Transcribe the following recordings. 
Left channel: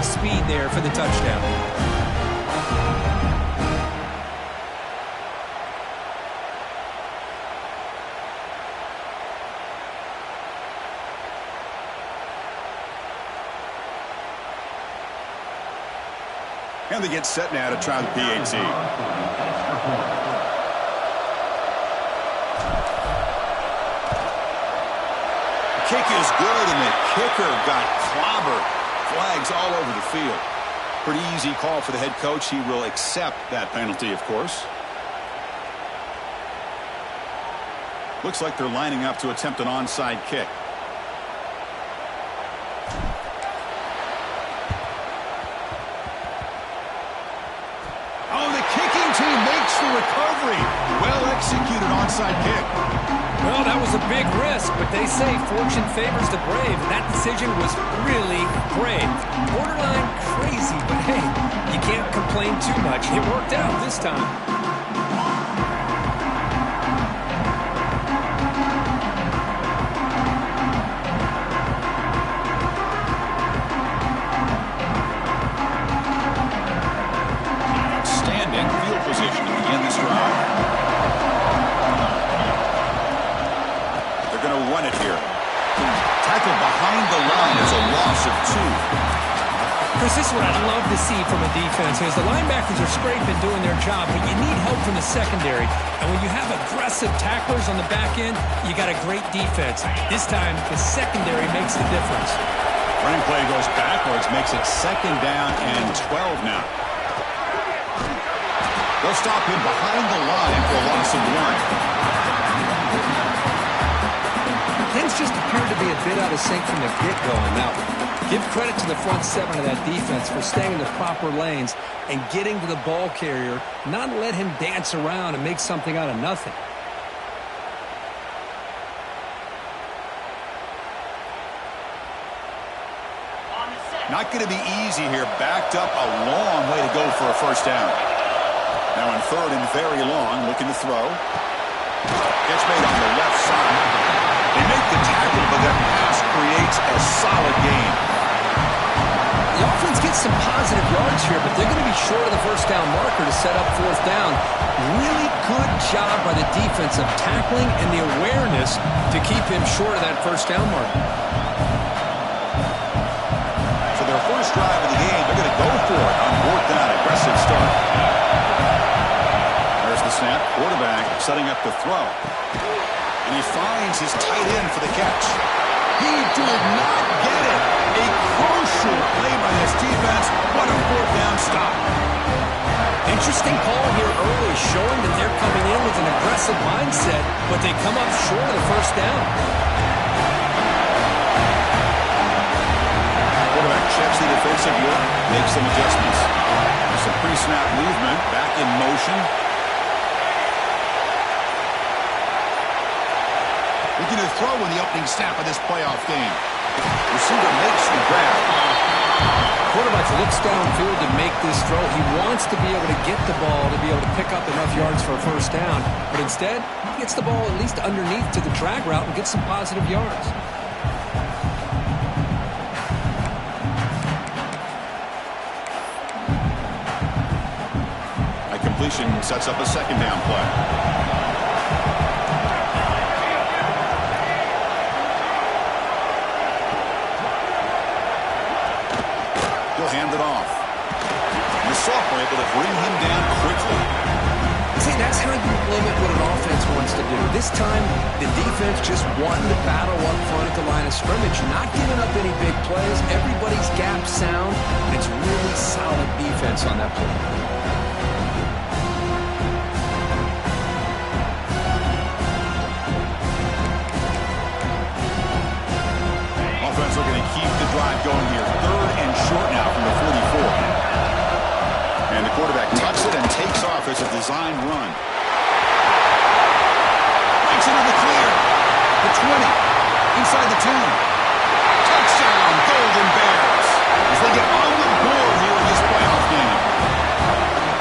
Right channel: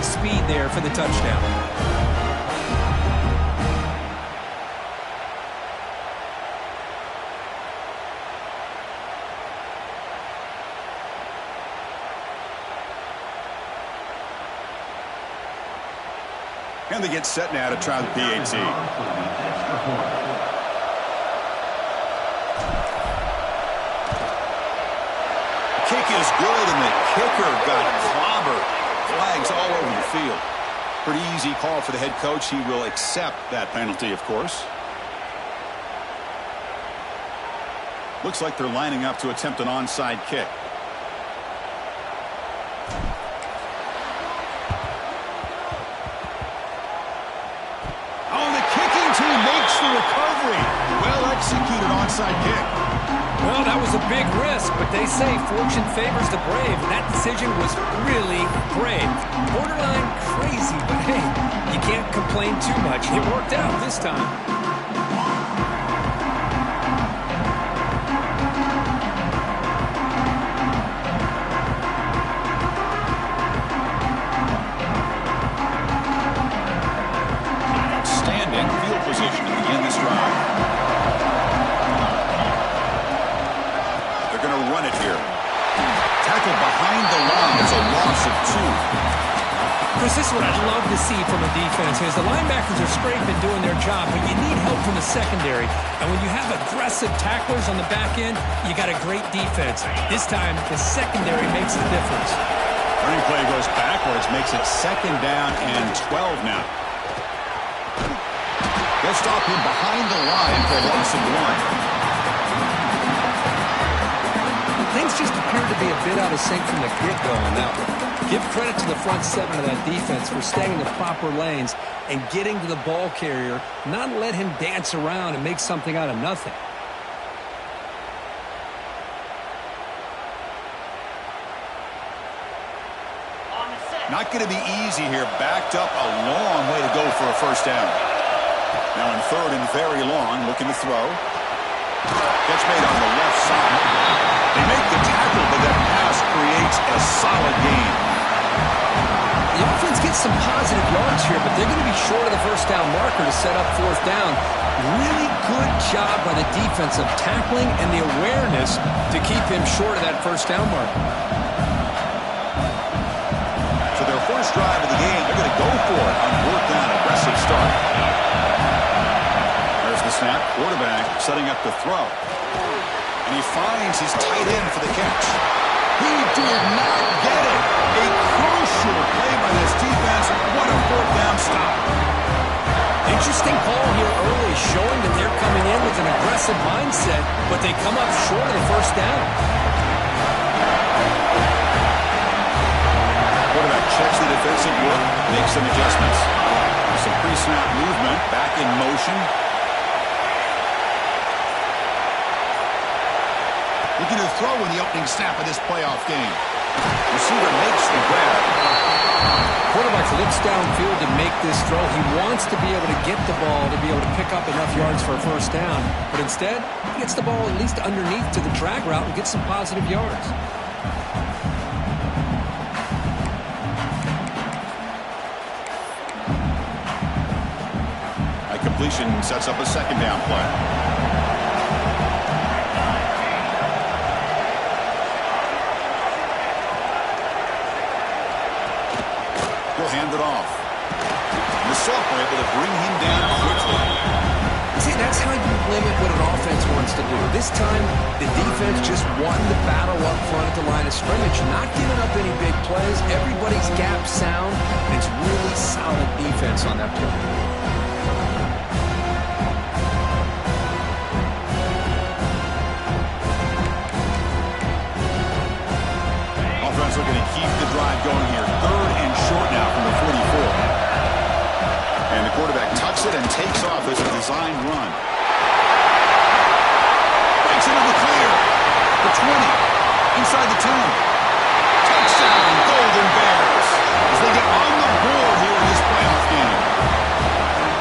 great speed there for the touchdown. And they get set now to try the PAT. Kick is good, and the kicker got clobbered. Flags all over the field. Pretty easy call for the head coach. He will accept that penalty, of course. Looks like they're lining up to attempt an onside kick. Oh, the kicking team makes the recovery. Well executed onside kick. Well, that was a big risk, but they say fortune favors the brave, and that decision was really brave. Borderline crazy, but hey, you can't complain too much. It worked out this time. Outstanding field position to begin this drive. Going to run it here. Tackle behind the line. It's a loss of 2. Chris, this is what I'd love to see from a defense is the linebackers are scraping doing their job, but you need help from the secondary. And when you have aggressive tacklers on the back end, you got a great defense. This time, the secondary makes the difference. Running play goes backwards, makes it 2nd down and 12 now. They'll stop him behind the line for a loss of 1. Things just appear to be a bit out of sync from the get-go on that one. Give credit to the front 7 of that defense for staying in the proper lanes and getting to the ball carrier, not let him dance around and make something out of nothing. Not going to be easy here. Backed up a long way to go for a first down. Now in 3rd and very long, looking to throw. Gets made on the left side. They make the tackle, but that pass creates a solid gain. The offense gets some positive yards here, but they're going to be short of the first down marker to set up 4th down. Really good job by the defense of tackling and the awareness to keep him short of that first down marker. So their first drive of the game, they're going to go for it on 4th down. Aggressive start. There's the snap. Quarterback setting up to throw. And he finds his tight end for the catch. He did not get it. A crucial play by this defense. What a 4th down stop. Interesting call here early, showing that they're coming in with an aggressive mindset, but they come up short of the first down. Quarterback checks the defensive look, makes some adjustments. Some pre-snap movement, back in motion. Looking to throw in the opening snap of this playoff game. Receiver makes the grab. Quarterback looks downfield to make this throw. He wants to be able to get the ball to be able to pick up enough yards for a first down. But instead, he gets the ball at least underneath to the drag route and gets some positive yards. That completion sets up a 2nd down play. He'll hand it off. And the sophomore able to bring him down quickly. See, that's how you limit what an offense wants to do. This time, the defense just won the battle up front at the line of scrimmage, not giving up any big plays. Everybody's gap sound, and it's really solid defense on that play. Offense looking to keep the drive going here. 3rd and short now from the 44. And the quarterback tucks it and takes off as a design run. Breaks into the clear. The 20. Inside the 10. Touchdown, Golden Bears. As they get on the board here in this playoff game.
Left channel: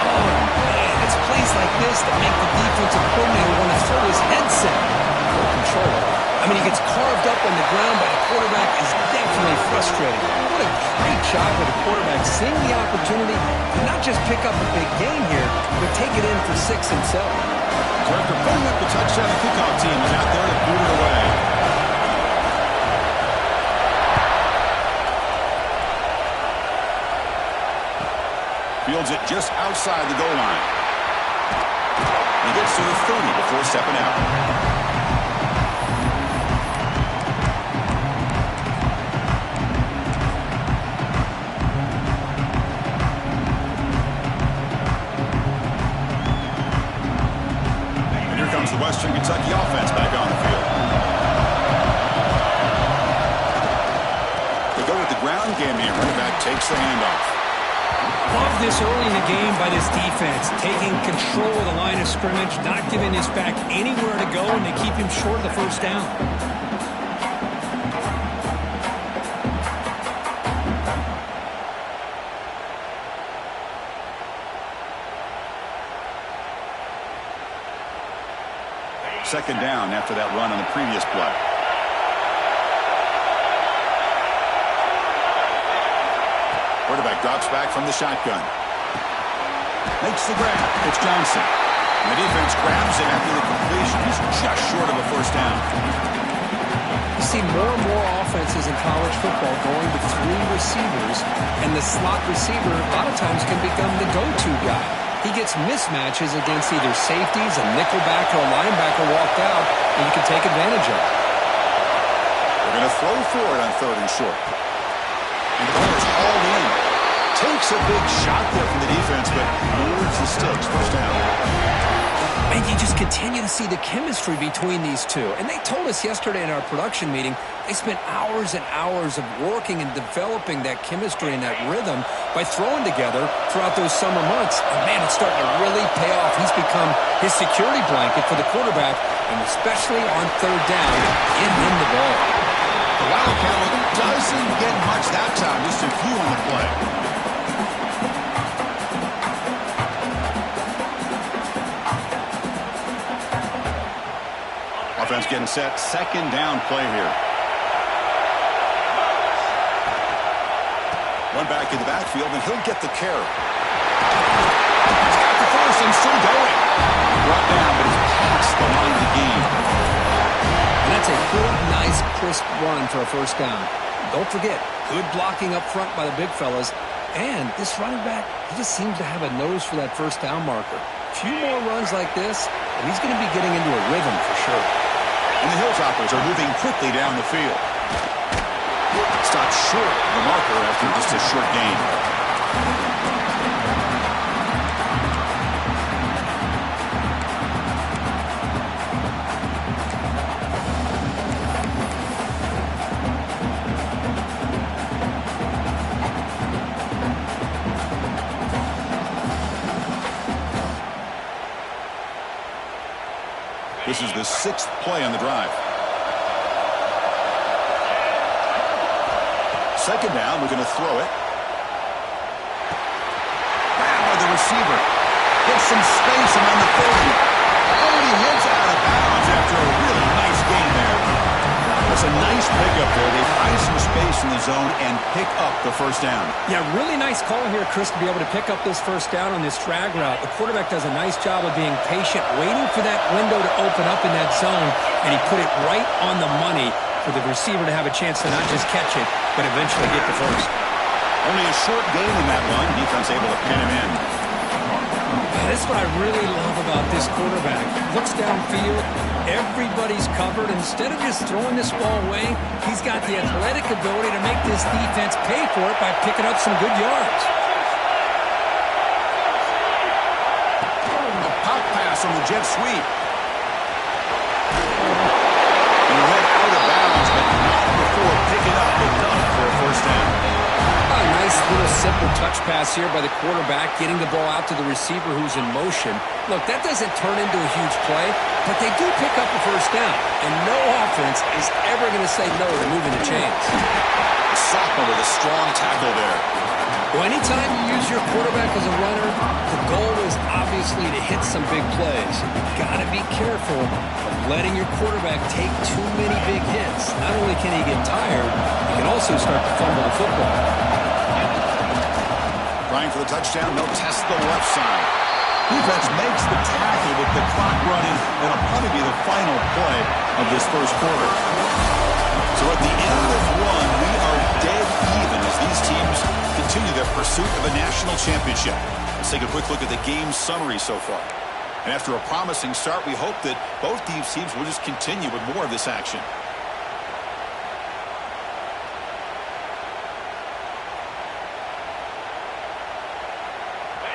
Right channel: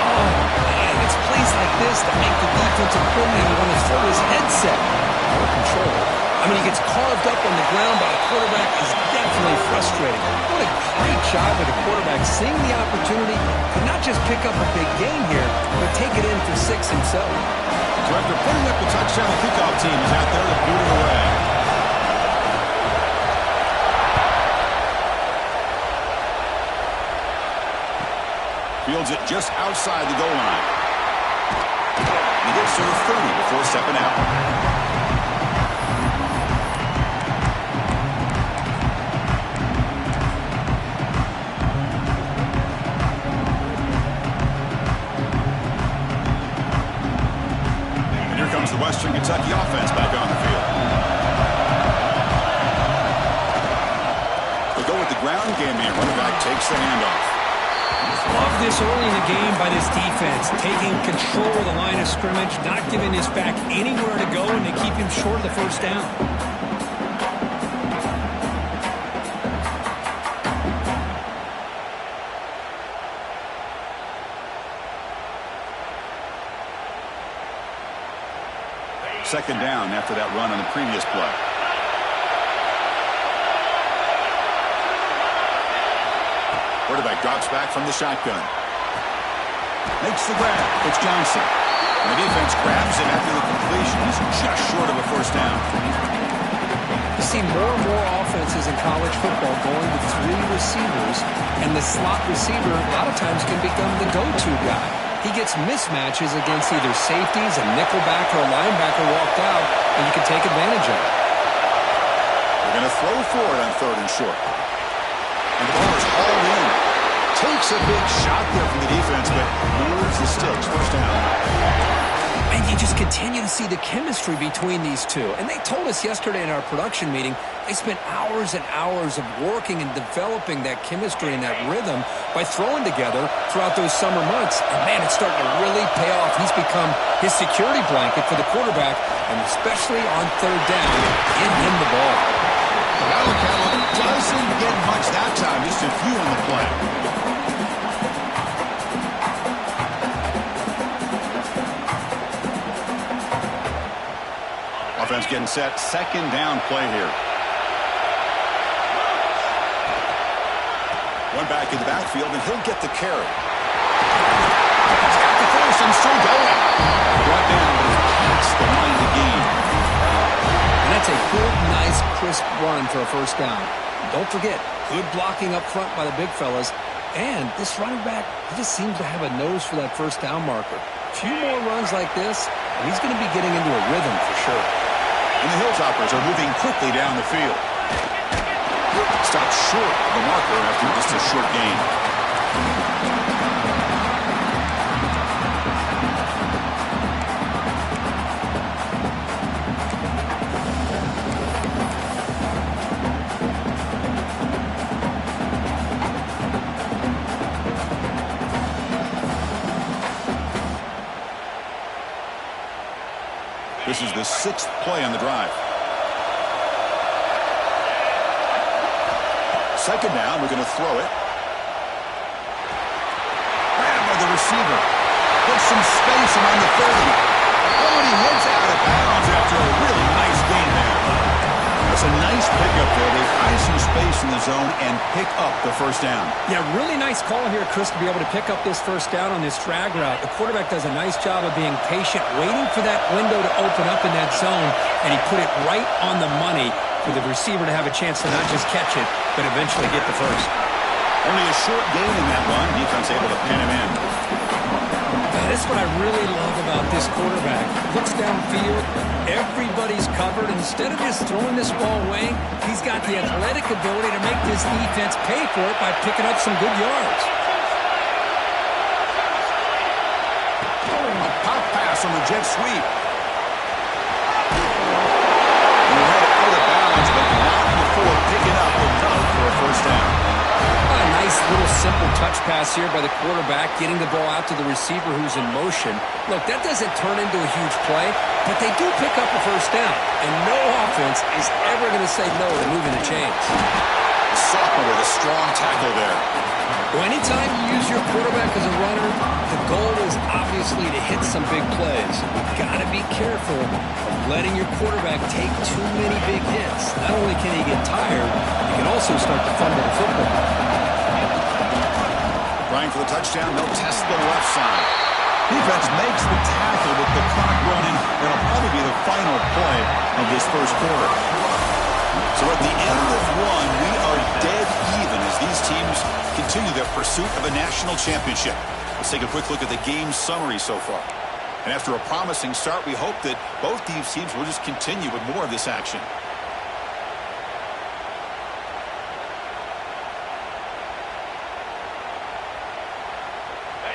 Oh, man, it's plays like this that make the defensive coordinator want to throw his headset. Full control. I mean, he gets carved up on the ground by the quarterback is definitely frustrating. What a great job by the quarterback seeing the opportunity to not just pick up a big gain here, but take it in for 6 himself. So after putting up the touchdown, the kickoff team is out there to boot it away. Fields it just outside the goal line. He gets to the 30 before stepping out. The Western Kentucky offense back on the field. They go with the ground game here. Running back takes the handoff. Love this early in the game by this defense, taking control of the line of scrimmage, not giving this back anywhere to go, and they keep him short of the first down. Second down after that run on the previous play. Quarterback drops back from the shotgun. Makes the grab. It's Johnson. And the defense grabs him after the completion. He's just short of a first down. You see more and more offenses in college football going with 3 receivers, and the slot receiver a lot of times can become the go-to guy. He gets mismatches against either safeties, a nickelback, or a linebacker walked out, and you can take advantage of it. They're going to throw for it on 3rd and short. And the ball is hauled in. Takes a big shot there from the defense, but moves the sticks. First down. And you just continue to see the chemistry between these two. And they told us yesterday in our production meeting, they spent hours and hours of working and developing that chemistry and that rhythm by throwing together throughout those summer months. And, man, it's starting to really pay off. He's become his security blanket for the quarterback, and especially on 3rd down, give him the ball. The Wildcat doesn't get much that time, just a few on the play. Offense getting set. Second down play here. One back in the backfield, and he'll get the carry. He's got the first and still going. Brought down, but he's past the line to gain. And that's a good, nice, crisp run for a first down. Don't forget, good blocking up front by the big fellas. And this running back, he just seems to have a nose for that first down marker. A few more runs like this, and he's going to be getting into a rhythm for sure. And the Hilltoppers are moving quickly down the field. Stopped short of the marker after just a short gain. This is the 6th play on the drive. Second down, we're going to throw it. Grab by the receiver. Gets some space around the 30. Oh, and he heads out of bounds after a really nice gain there. That's a nice pickup there. They find some space in the zone and pick up the first down. Yeah, really nice call here, Chris, to be able to pick up this first down on this drag route. The quarterback does a nice job of being patient, waiting for that window to open up in that zone, and he put it right on the money for the receiver to have a chance to not just catch it, but eventually get the first. Only a short gain in that run. Defense able to pin him in. That's what I really love about this quarterback. Looks downfield, everybody's covered. Instead of just throwing this ball away, he's got the athletic ability to make this defense pay for it by picking up some good yards. A pop pass on the jet sweep. And you head out of bounds, but not before picking up enough for a first down. A nice little simple touch pass here by the quarterback, getting the ball out to the receiver who's in motion. Look, that doesn't turn into a huge play, but they do pick up a first down, and no offense is ever going to say no to moving the chains. The sophomore with a strong tackle there. Well, anytime you use your quarterback as a runner, the goal is obviously to hit some big plays. You've got to be careful of letting your quarterback take too many big hits. Not only can he get tired, he can also start to fumble the football. Trying for the touchdown, they'll test the left side. Defense makes the tackle with the clock running. It'll probably be the final play of this first quarter. So at the end of one, we are dead even as these teams continue their pursuit of a national championship. Let's take a quick look at the game summary so far. And after a promising start, we hope that both these teams will just continue with more of this action.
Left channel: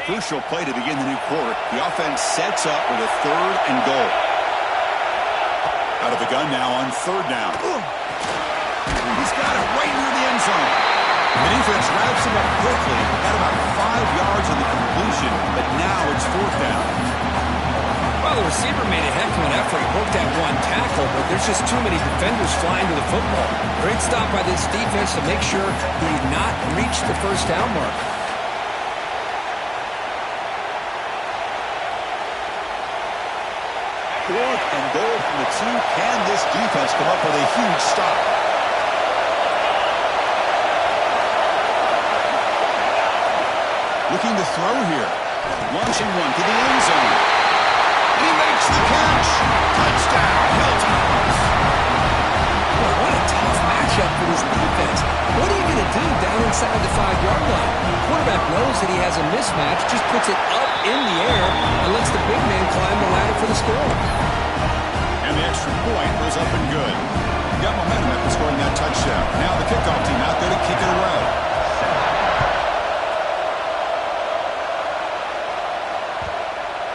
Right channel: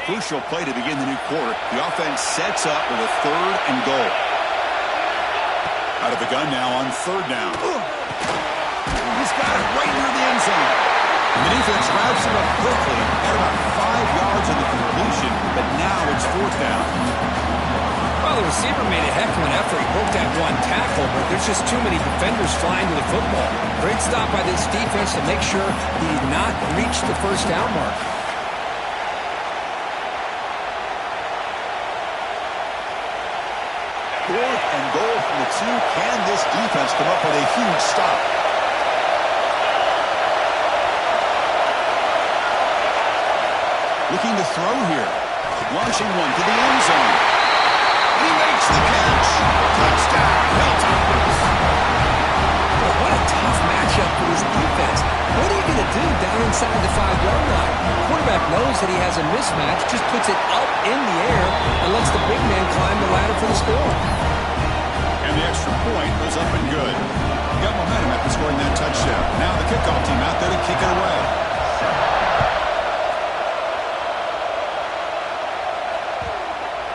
Crucial play to begin the new quarter. The offense sets up with a 3rd and goal. Out of the gun now on 3rd down. He's got it right near the end zone. The defense wraps him up quickly. Got about 5 yards on the completion, but now it's 4th down. Well, the receiver made a heck of an effort. He broke that one tackle, but there's just too many defenders flying to the football. Great stop by this defense to make sure he did not reach the 1st down mark. 4th and goal from the 2. Can this defense come up with a huge stop? Looking to throw here. Launching one to the end zone. And he makes the catch. Touchdown, Hilltoppers. Well, what a tough matchup for this defense. What are you going to do down inside the 5-yard line? Quarterback knows that he has a mismatch, just puts it up in the air and lets the big man climb the ladder for the score. And the extra point was up and good. Got momentum after scoring that touchdown. Now the kickoff team out there to kick it away.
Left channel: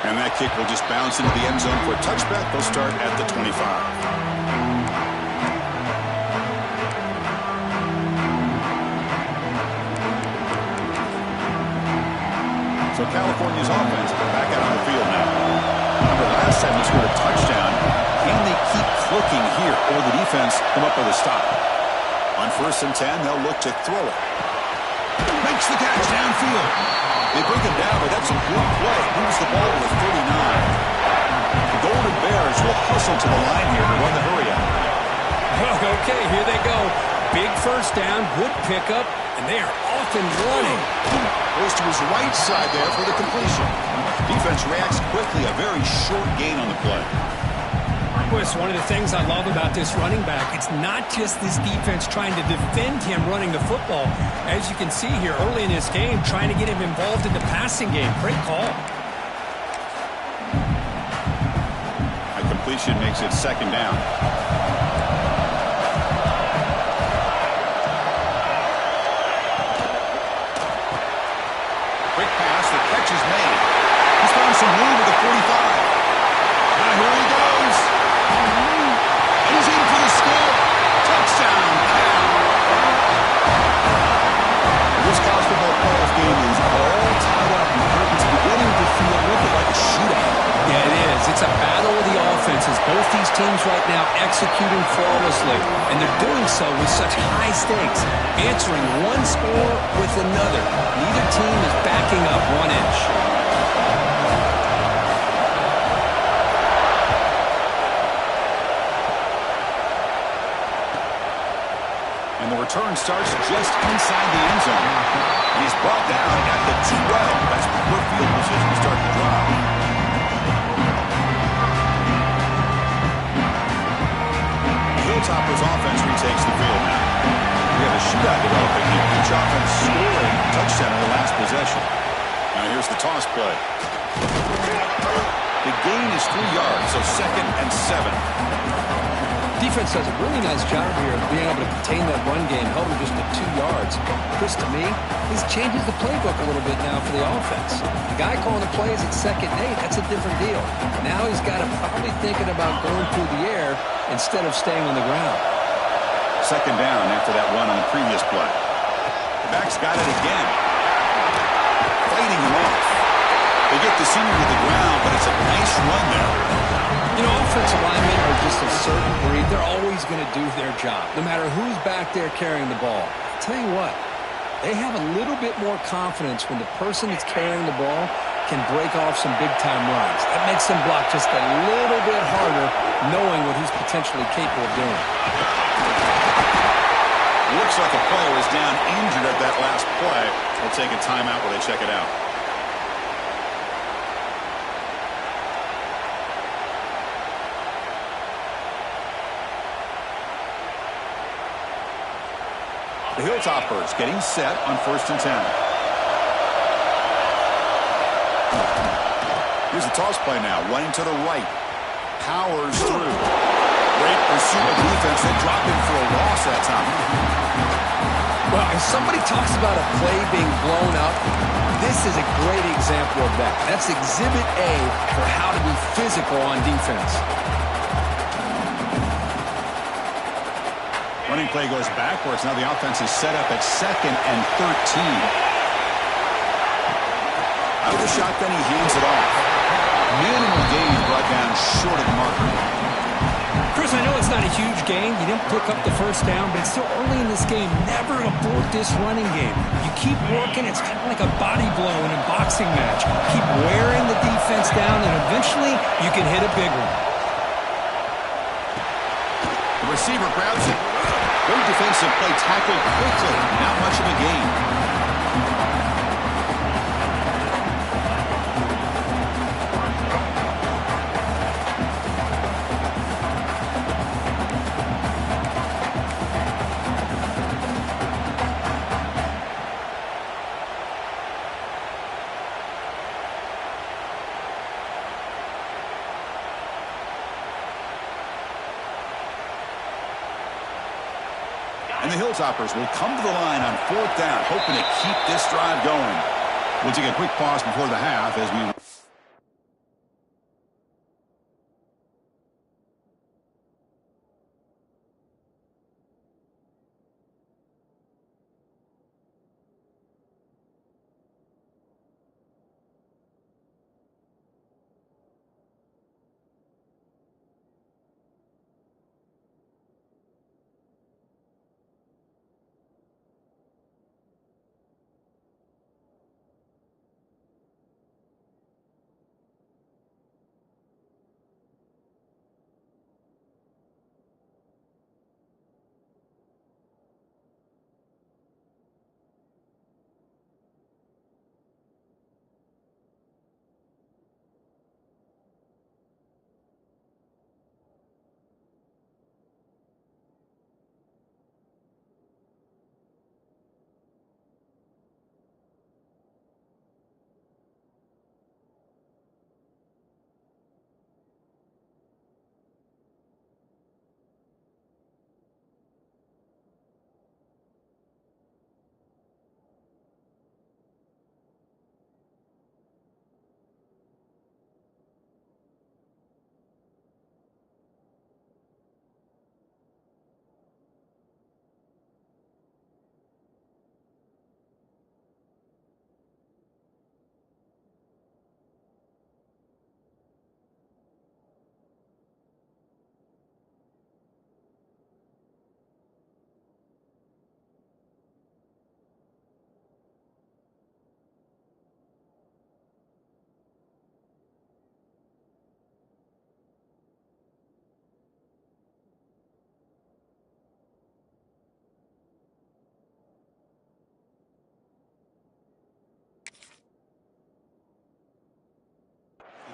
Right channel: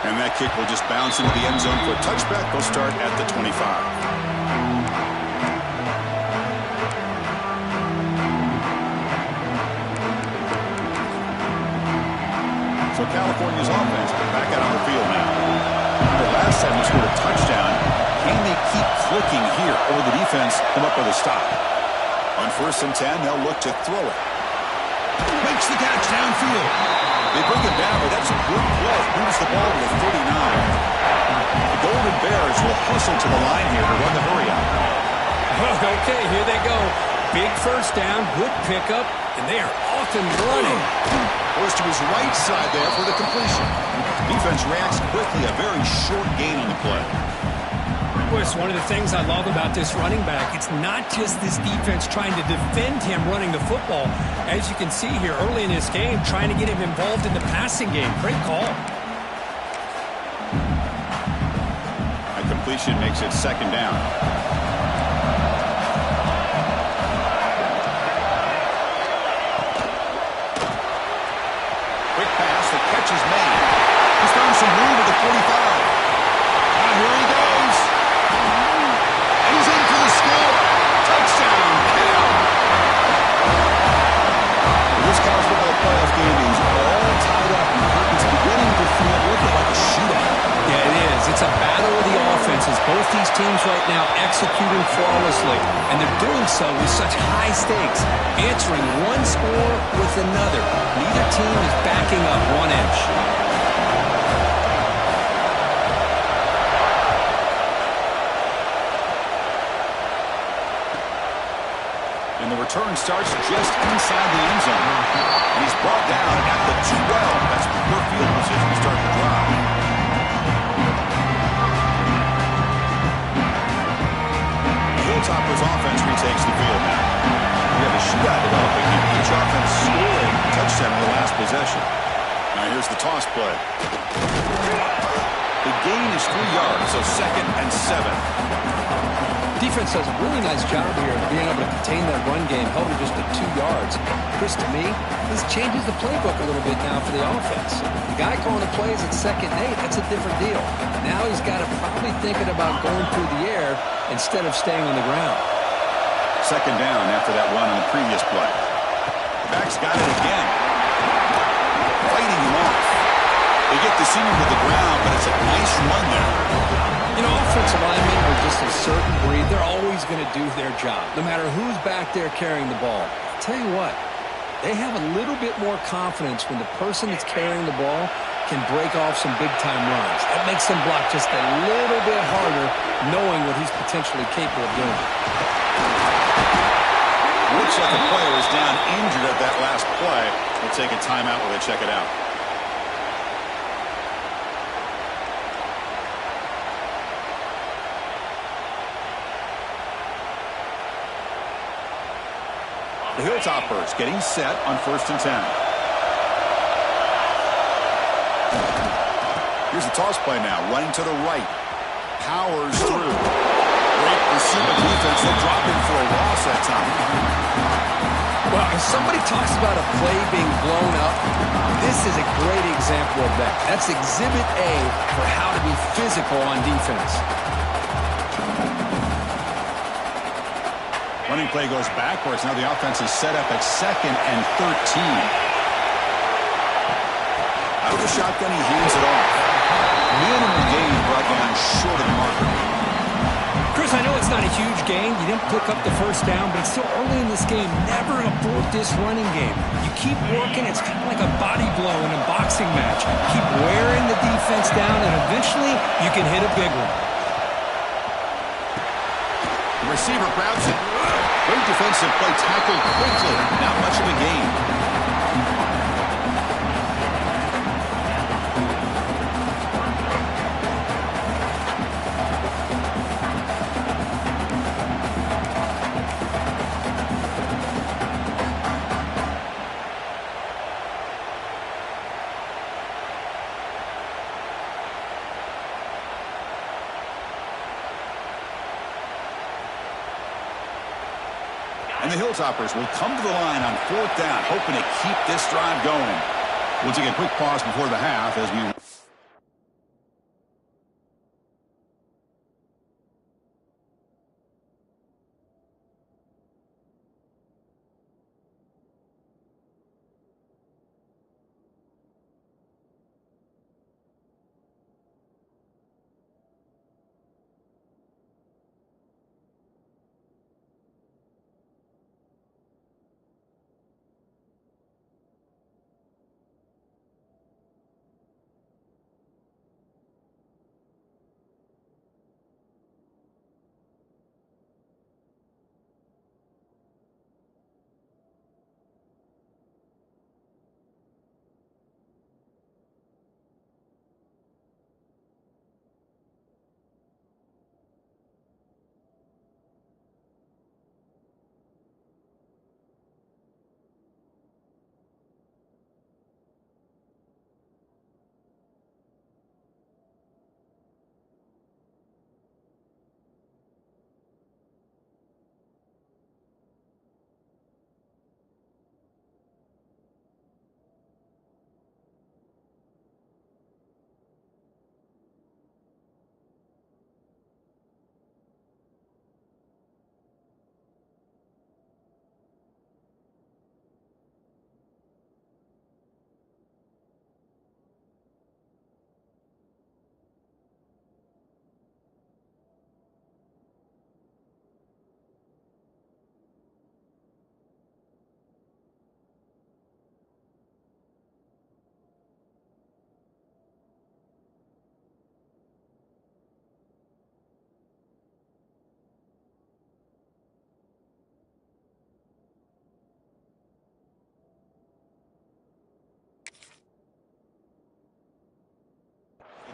And that kick will just bounce into the end zone for a touchback. They'll start at the 25. So California's offense back out on the field now. Remember, last time they scored a touchdown. Can they keep clicking here, or the defense come up with a stop? On 1st and 10, they'll look to throw it. Makes the catch downfield. They bring him down, but that's a good play. Moves the ball to the 39. The Golden Bears will hustle to the line here to run the hurry out. Okay, here they go. Big 1st down, good pickup, and they are off and running. Goes to his right side there for the completion. Defense reacts quickly, a very short gain on the play. It's one of the things I love about this running back. It's not just this defense trying to defend him running the football. As you can see here early in this game, trying to get him involved in the passing game. Great call. A completion makes it 2nd down. Quick pass, the catch is made. He's found some room at the 45. Now here he goes. And he's in for the score. Touchdown, Cal. This college football playoff game is all tied up. And it's beginning to feel a little bit like a shootout. Yeah, it is. It's a battle of the offenses. Both these teams right now executing flawlessly. And they're doing so with such high stakes. Answering one score with another. Neither team is backing up 1 inch. And the return starts just inside the end zone. And he's brought down at the 12. That's poor field position to start the drive. Hilltoppers offense retakes the field now. We have a shootout developing here. Each offense scoring a touchdown in their last possession. Now here's the toss play. The gain is 3 yards, so 2nd and 7. Defense does a really nice job here of being able to contain that run game, held him just at 2 yards. Chris, to me, this changes the playbook a little bit now for the offense. The guy calling the plays at 2nd and 8, that's a different deal. Now he's got to probably thinking about going through the air instead of staying on the ground. 2nd down after that run on the previous play. The back's got it again. Fighting him off. They get the senior to the ground, but it's a nice run there. You know, offensive linemen are just a certain breed. They're always going to do their job, no matter who's back there carrying the ball. I'll tell you what, They have a little bit more confidence when the person that's carrying the ball can break off some big-time runs. That makes them block just a little bit harder, knowing what he's potentially capable of doing. Looks like a player is down injured at that last play. They'll take a timeout while they check it out. The Hilltoppers getting set on 1st and 10. Here's the toss play now, running to the right. Powers through. Great pursuit of defense. They drop in for a loss that time. Well, if somebody talks about a play being blown up, this is a great example of that. That's Exhibit A for how to be physical on defense. Running play goes backwards. Now the offense is set up at 2nd and 13. Out of the shotgun, he hands it off. Minimal gain brought down short of the marker. Chris, I know it's not a huge gain. You didn't pick up the first down, but it's still early in this game. Never abort this running game. You keep working. It's kind of like a body blow in a boxing match. Keep wearing the defense down, and eventually you can hit a big one. The receiver grabs it. Great defensive play, tackled quickly. Not much of a gain. And the Hilltoppers will come to the line on 4th down, hoping to keep this drive going. We'll take a quick pause before the half as we...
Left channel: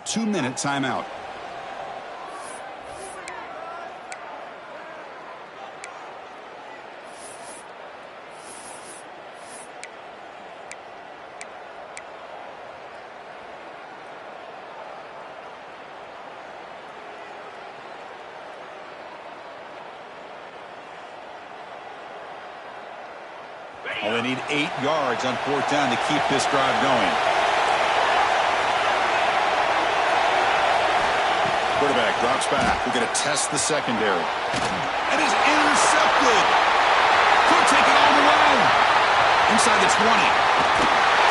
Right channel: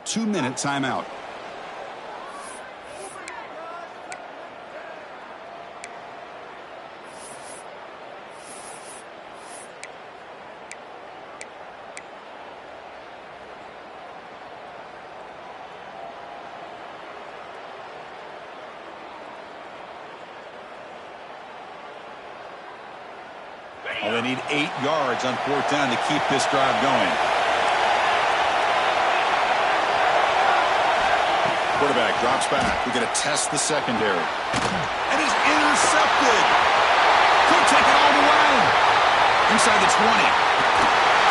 Two-minute timeout. Well, they need 8 yards on 4th down to keep this drive going. Quarterback drops back. We're going to test the secondary. And is intercepted. Could take it all the way. Inside the 20.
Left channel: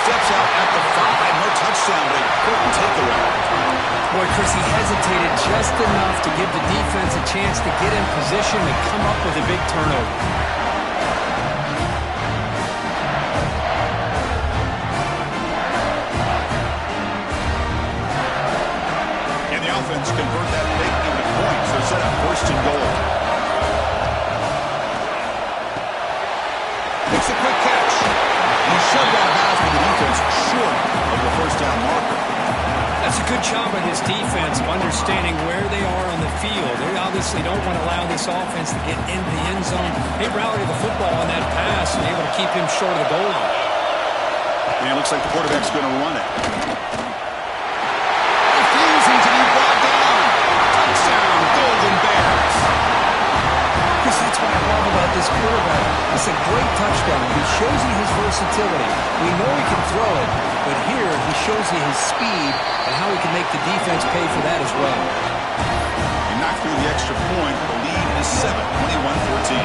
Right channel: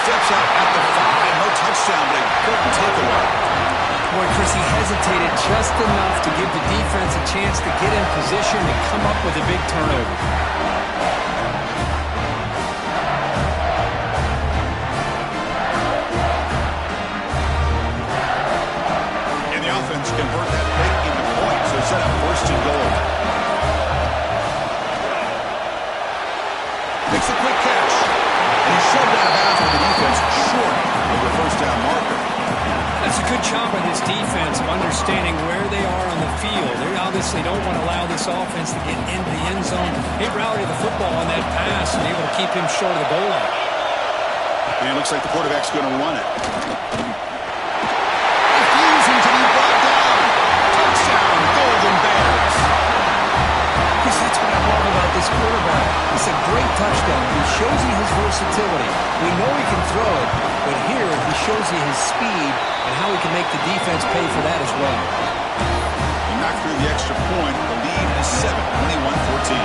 Steps out at the 5. No touchdown, but a important takeaway. Boy, Chris, he hesitated just enough to give the defense a chance to get in position and come up with a big turnover. offense convert that pick into points. They're set up first and goal. Makes a quick catch. And he's shoved out of bounds with the defense short of the first down marker. That's a good job by this defense of understanding where they are on the field. They obviously don't want to allow this offense to get into the end zone. They routed the football on that pass and able to keep him short of the goal line. And it looks like the quarterback's going to run it. Refusing to be brought down. Touchdown, Golden Bears. Chris, that's what I love about this quarterback. It's a great touchdown. He shows you his versatility. We know he can throw it, but here he shows you his speed and how he can make the defense pay for that as well. He knocked through the extra point. The lead is 7, 21-14.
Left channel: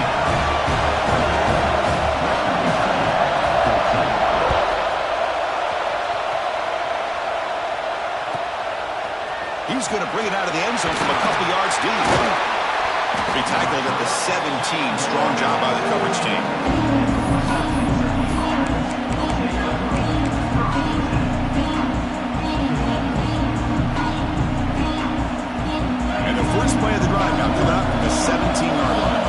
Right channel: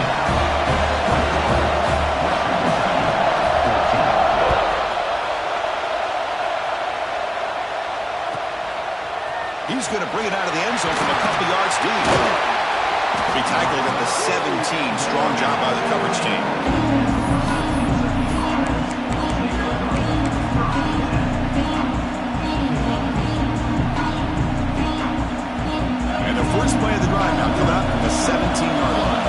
He's going to bring it out of the end zone from a couple yards deep. He tackled at the 17. Strong job by the coverage team. And the first play of the drive now coming up from the 17-yard line.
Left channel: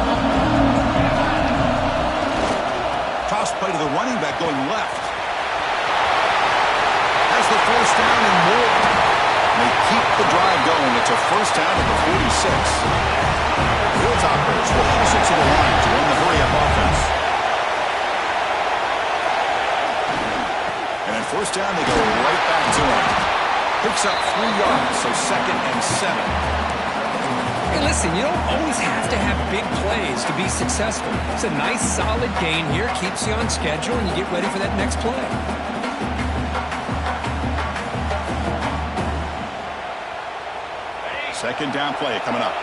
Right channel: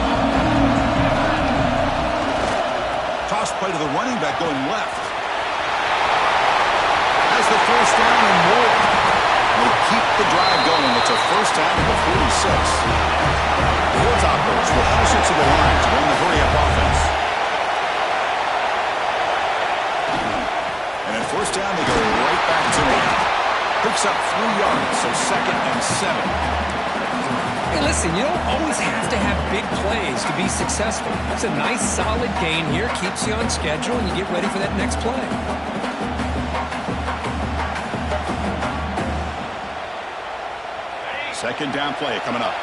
Toss play to the running back going left. Has the first down and more. They keep the drive going. It's a first down at the 46. The Hilltoppers will hustle to the line to run the hurry-up offense. And at first down, they go right back to him. Picks up 3 yards, so 2nd and 7. Hey, listen, you don't always have to have big plays to be successful. It's a nice, solid gain here. Keeps you on schedule, and you get ready for that next play. Second down play coming up.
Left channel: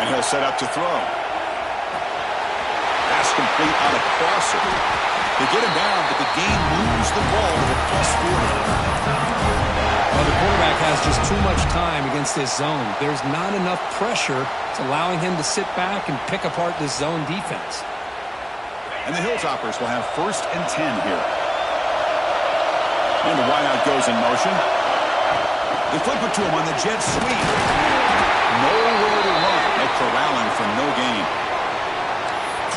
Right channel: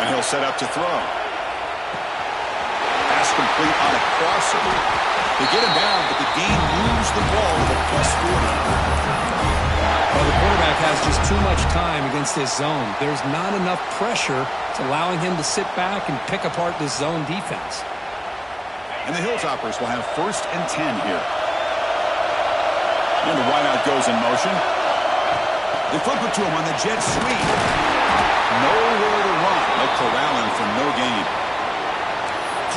And he'll set up to throw. Pass complete on a crosser. They get him down, but the gain moves the ball to the +40. Well, the quarterback has just too much time against this zone. There's not enough pressure. It's allowing him to sit back and pick apart this zone defense. And the Hilltoppers will have 1st and 10 here. And the wideout goes in motion. They flip it to him on the jet sweep. Nowhere to run. They'll corral him for no gain.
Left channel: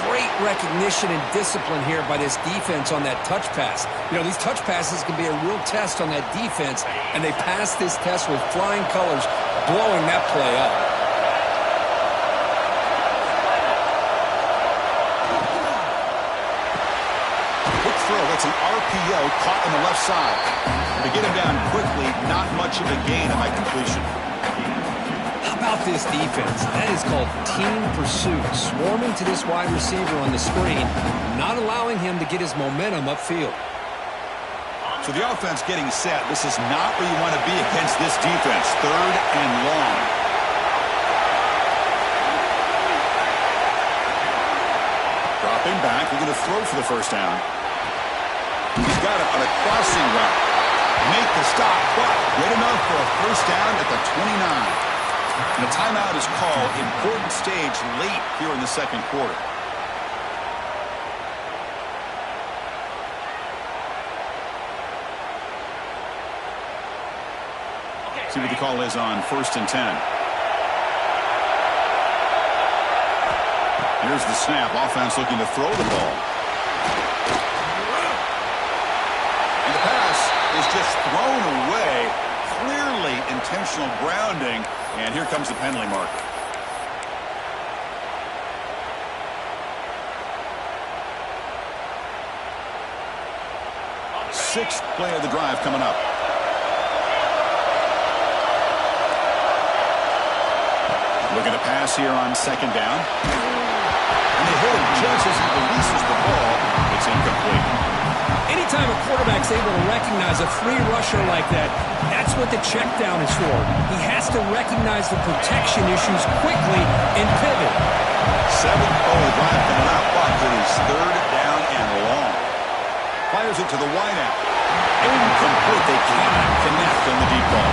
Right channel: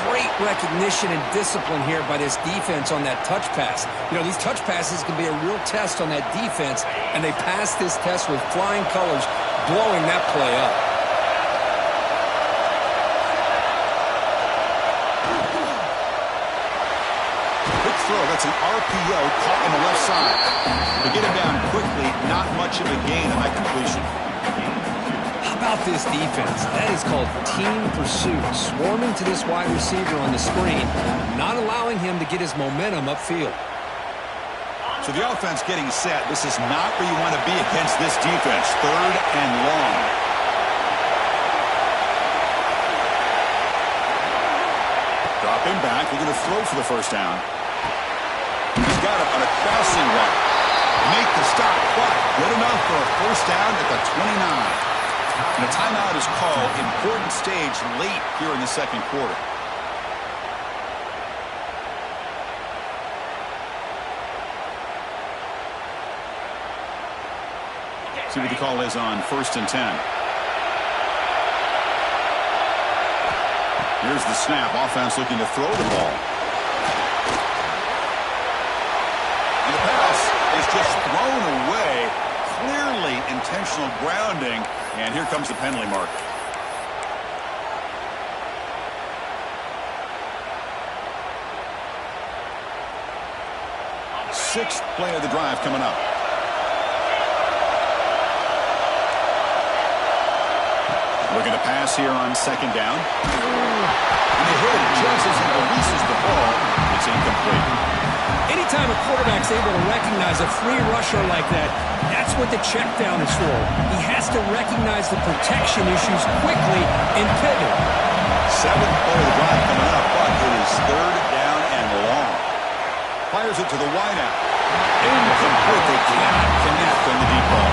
Great recognition and discipline here by this defense on that touch pass. You know, these touch passes can be a real test on that defense, and they passed this test with flying colors, blowing that play up. That's an RPO caught on the left side. To get him down quickly, not much of a gain on that completion. How about this defense? That is called team pursuit. Swarming to this wide receiver on the screen, not allowing him to get his momentum upfield. So the offense getting set. This is not where you want to be against this defense. 3rd and long. Dropping back. They're going to throw for the first down. He's got it on a crossing route. They make the stop, but good enough for a first down at the 29. And a timeout is called. Important stage late here in the second quarter. See what the call is on 1st and 10. Here's the snap. Offense looking to throw the ball. And the pass is just thrown away. Clearly intentional grounding. And here comes the penalty marker. 6th play of the drive coming up. Looking to pass here on 2nd down. And they hit him just as he releases the ball. It's incomplete. Anytime a quarterback's able to recognize a free rusher like that, that's what the check down is for. He has to recognize the protection issues quickly and pivot. 7th play of the drive coming up, but it is 3rd down and long. Fires it to the wideout. Incomplete. They cannot connect on the deep ball.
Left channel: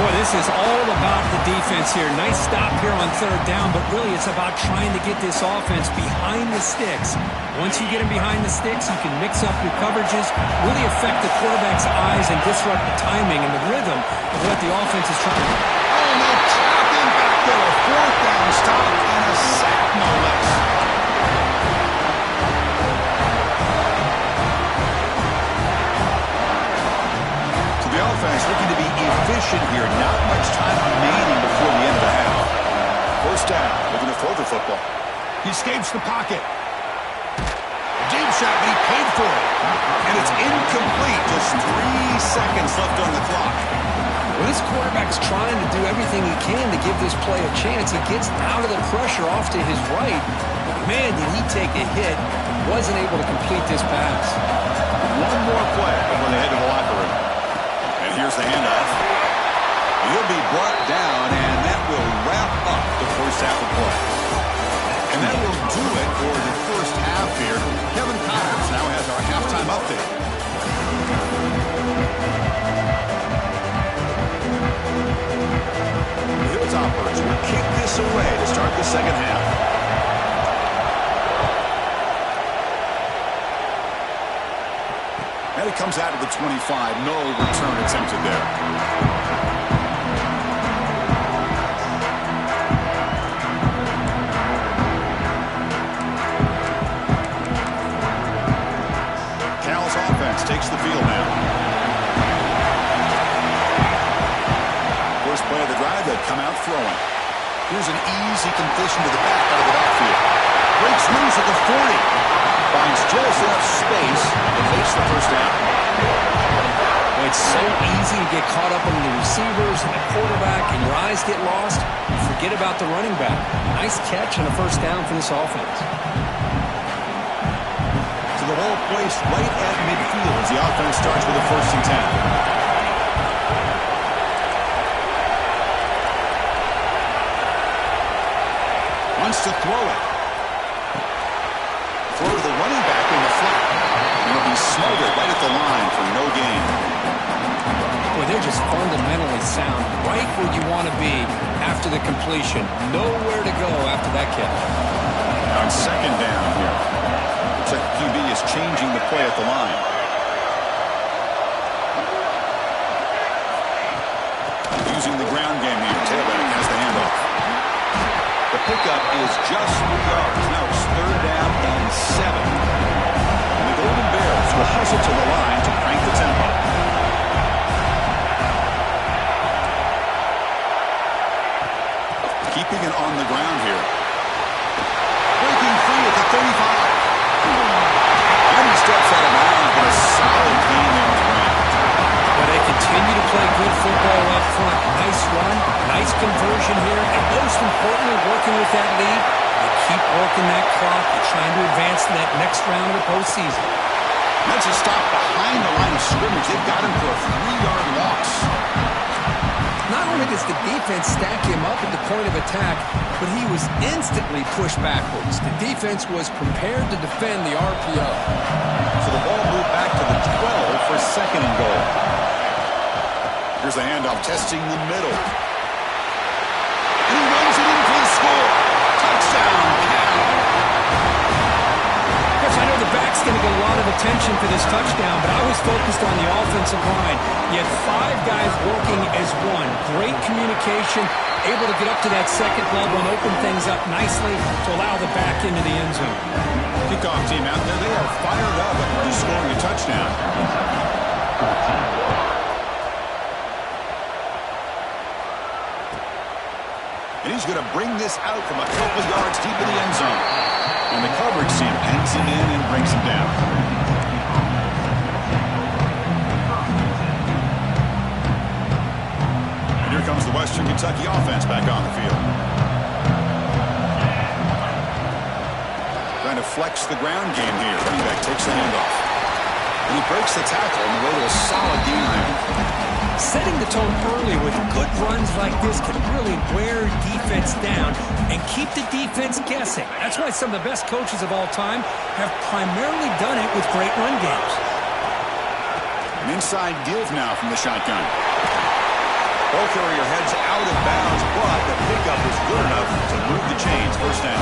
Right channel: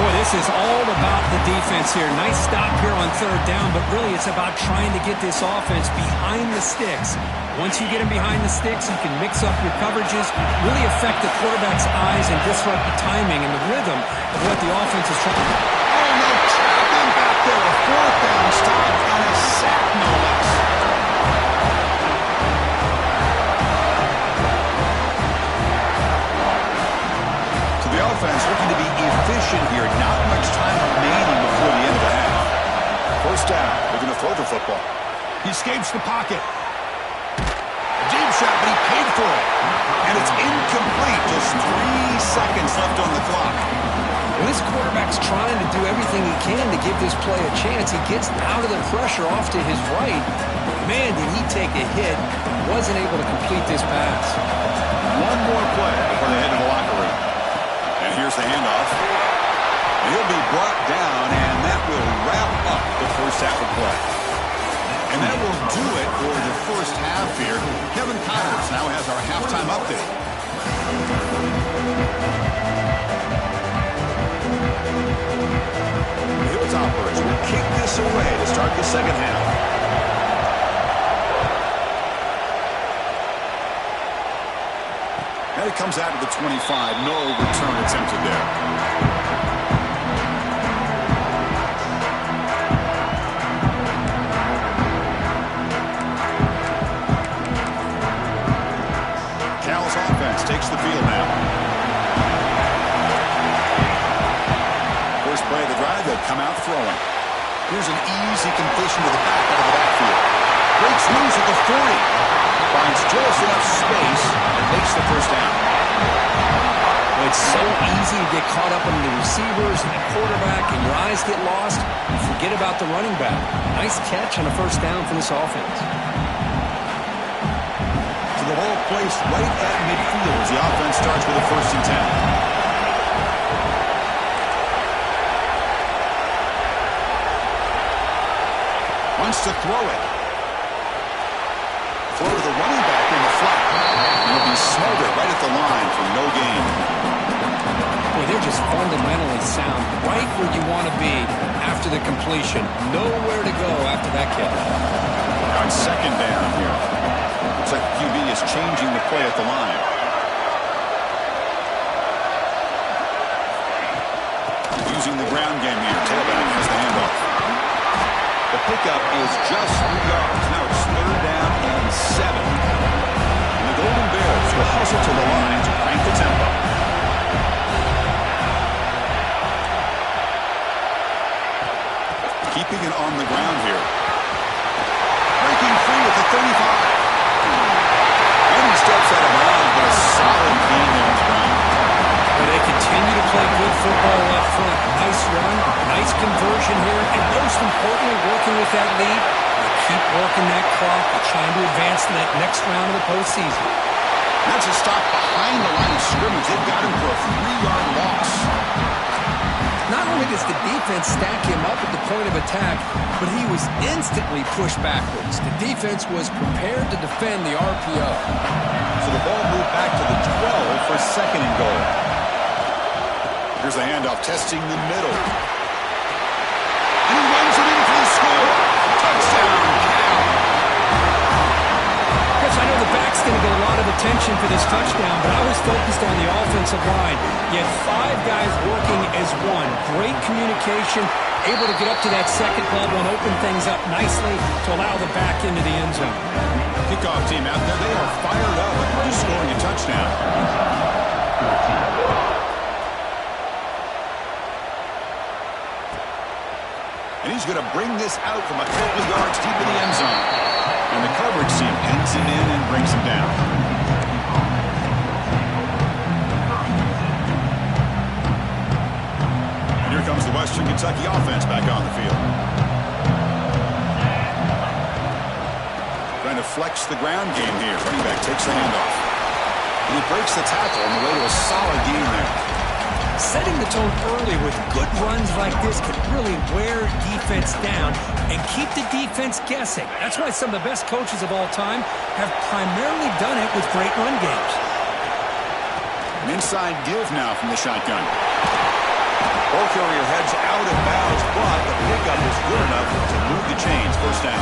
Boy, this is all about the defense here. Nice stop here on third down, but really it's about trying to get this offense behind the sticks. Once you get them behind the sticks, you can mix up your coverages, really affect the quarterback's eyes and disrupt the timing and the rhythm of what the offense is trying to do. Oh, no, trapping back there. A fourth down stop and a sack, no less. The offense looking to be efficient here. Not much time remaining before the end of the half. First down, looking to throw the football. He escapes the pocket. A deep shot, but he paid for it. And it's incomplete. Just 3 seconds left on the clock. Well, this quarterback's trying to do everything he can to give this play a chance. He gets out of the pressure off to his right. But man, did he take a hit. Wasn't able to complete this pass. One more play before they head to the locker room. And here's the handoff. And he'll be brought down, and that will wrap up the first half of play. And that will do it for the first half here. Kevin Connors now has our halftime update. The Hilltoppers will kick this away to start the second half. And it comes out of the 25. No return attempted there. Cal's offense takes the field now. First play of the drive, they'll come out throwing. Here's an easy completion to the back out of the backfield. Breaks loose at the 40. Finds just enough space and makes the first down. Well, it's so easy to get caught up in the receivers and the quarterback, and your eyes get lost. You forget about the running back. Nice catch and a first down for this offense. So the ball placed right at midfield as the offense starts with a 1st and 10. Wants to throw it. Throw to the running back in the flat. It'll be smothered right at the line for no gain. Boy, they're just fundamentally sound. Right where you want to be after the completion. Nowhere to go after that catch. Now it's second down here. Looks like QB is changing the play at the line. Using the ground game here. Tailback has the handoff. The pickup is just 3 yards. Now it's 3rd down and 7. And the Golden Bears will hustle to the line to crank the tempo. Keeping it on the ground here. Breaking free at the 35. And he steps out of bounds, but a solid gain there on the ground. Well, they continue to play good football up front. Nice run, nice conversion here, and most importantly, working with that lead, you keep working that clock. You're trying to advance to that next round of the postseason. That's a stop behind the line of scrimmage. They've got him for a 3-yard loss. Not only does the defense stack him up at the point of attack, but he was instantly pushed backwards. The defense was prepared to defend the RPO. So the ball moved back to the 12 for 2nd and goal. Here's the handoff, testing the middle. And he runs it in for the score. Touchdown, Cal. Yes, I know the back's going to get a lot of attention for this touchdown, but I was focused on the offensive line. You had 5 guys working as one. Great communication, able to get up to that second level and open things up nicely to allow the back into the end zone. Kickoff team out there, they are fired up after just scoring a touchdown. And he's going to bring this out from a couple yards deep in the end zone. And the coverage team pens him in and brings him down. And here comes the Western Kentucky offense back on the field. Trying to flex the ground game here. Running back takes the handoff. And he breaks the tackle on the way to a solid gain there. Setting the tone early with good runs like this can really wear defense down and keep the defense guessing. That's why some of the best coaches of all time have primarily done it with great run games. An inside give now from the shotgun. Ball carrier heads out of bounds, but the pickup is good enough to move the chains. First down.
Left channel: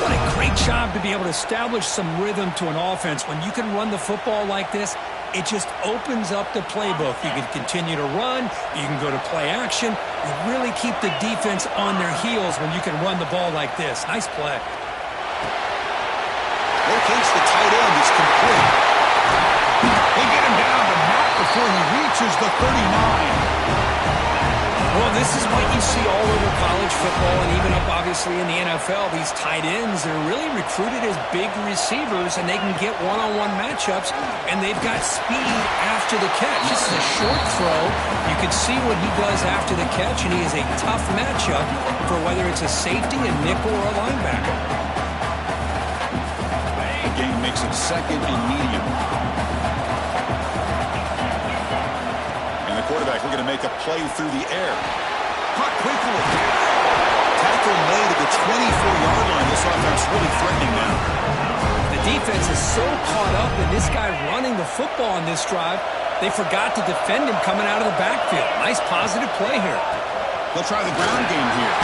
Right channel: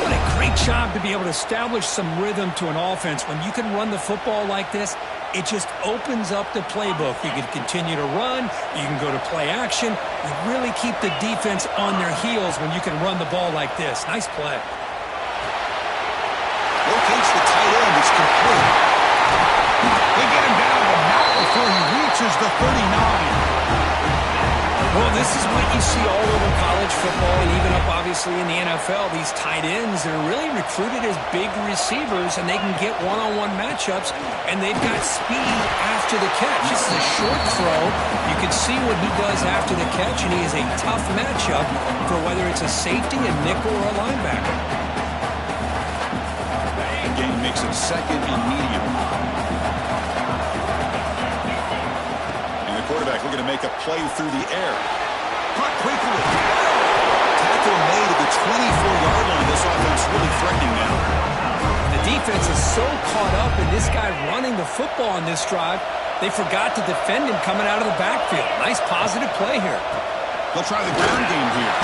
What a great job to be able to establish some rhythm to an offense. When you can run the football like this, it just opens up the playbook. You can continue to run. You can go to play action. You really keep the defense on their heels when you can run the ball like this. Nice play. Locates the tight end. It's complete. They get him down, but not before he reaches the 39. Well, this is what you see all over college football and even up, obviously, in the NFL. These tight ends, they're really recruited as big receivers, and they can get one-on-one matchups, and they've got speed after the catch. This is a short throw. You can see what he does after the catch, and he is a tough matchup for whether it's a safety, a nickel, or a linebacker. The game makes it second and medium. Quarterback looking to make a play through the air. Caught quickly. Tackle made at the 24-yard line. This offense really threatening now. The defense is so caught up in this guy running the football on this drive, they forgot to defend him coming out of the backfield. Nice positive play here. They'll try the ground game here.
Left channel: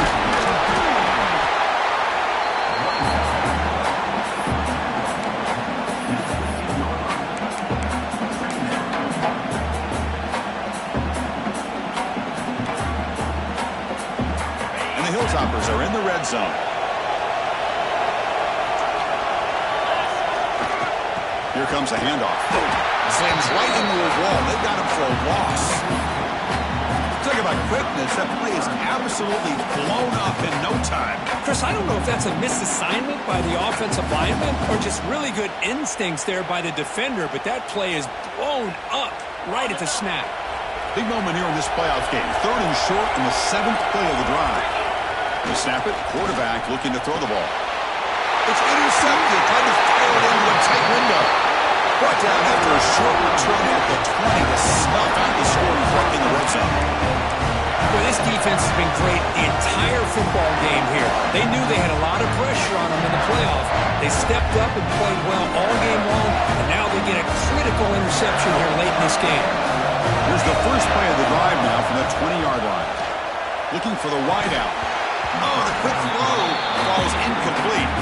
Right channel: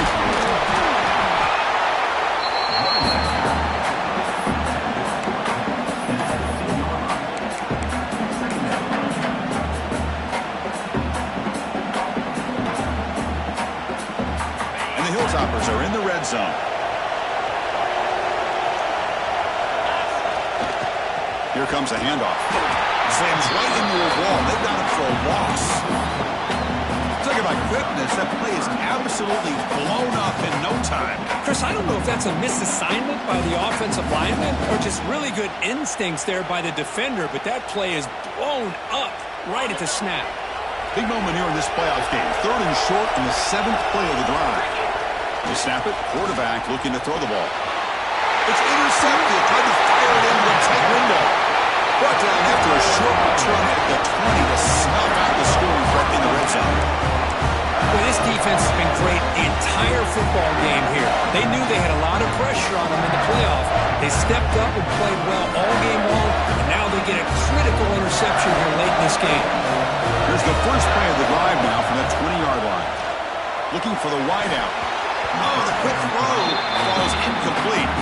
Hilltoppers are in the red zone. Here comes a handoff. Slams right into a wall. They've got him for a loss. Talk about quickness. That play is absolutely blown up in no time. Chris, I don't know if that's a misassignment by the offensive lineman or just really good instincts there by the defender, but that play is blown up right at the snap. Big moment here in this playoff game. 3rd and short in the 7th play of the drive. They snap it. Quarterback looking to throw the ball. It's intercepted. Tried to fire it into a tight window. Brought down after a short return at the 20 to snuff out the scoring threat in the red zone. Well, this defense has been great the entire football game here. They knew they had a lot of pressure on them in the playoff. They stepped up and played well all game long, and now they get a critical interception here late in this game. Here's the first play of the drive now from the 20-yard line. Looking for the wideout. Oh, the quick throw falls incomplete.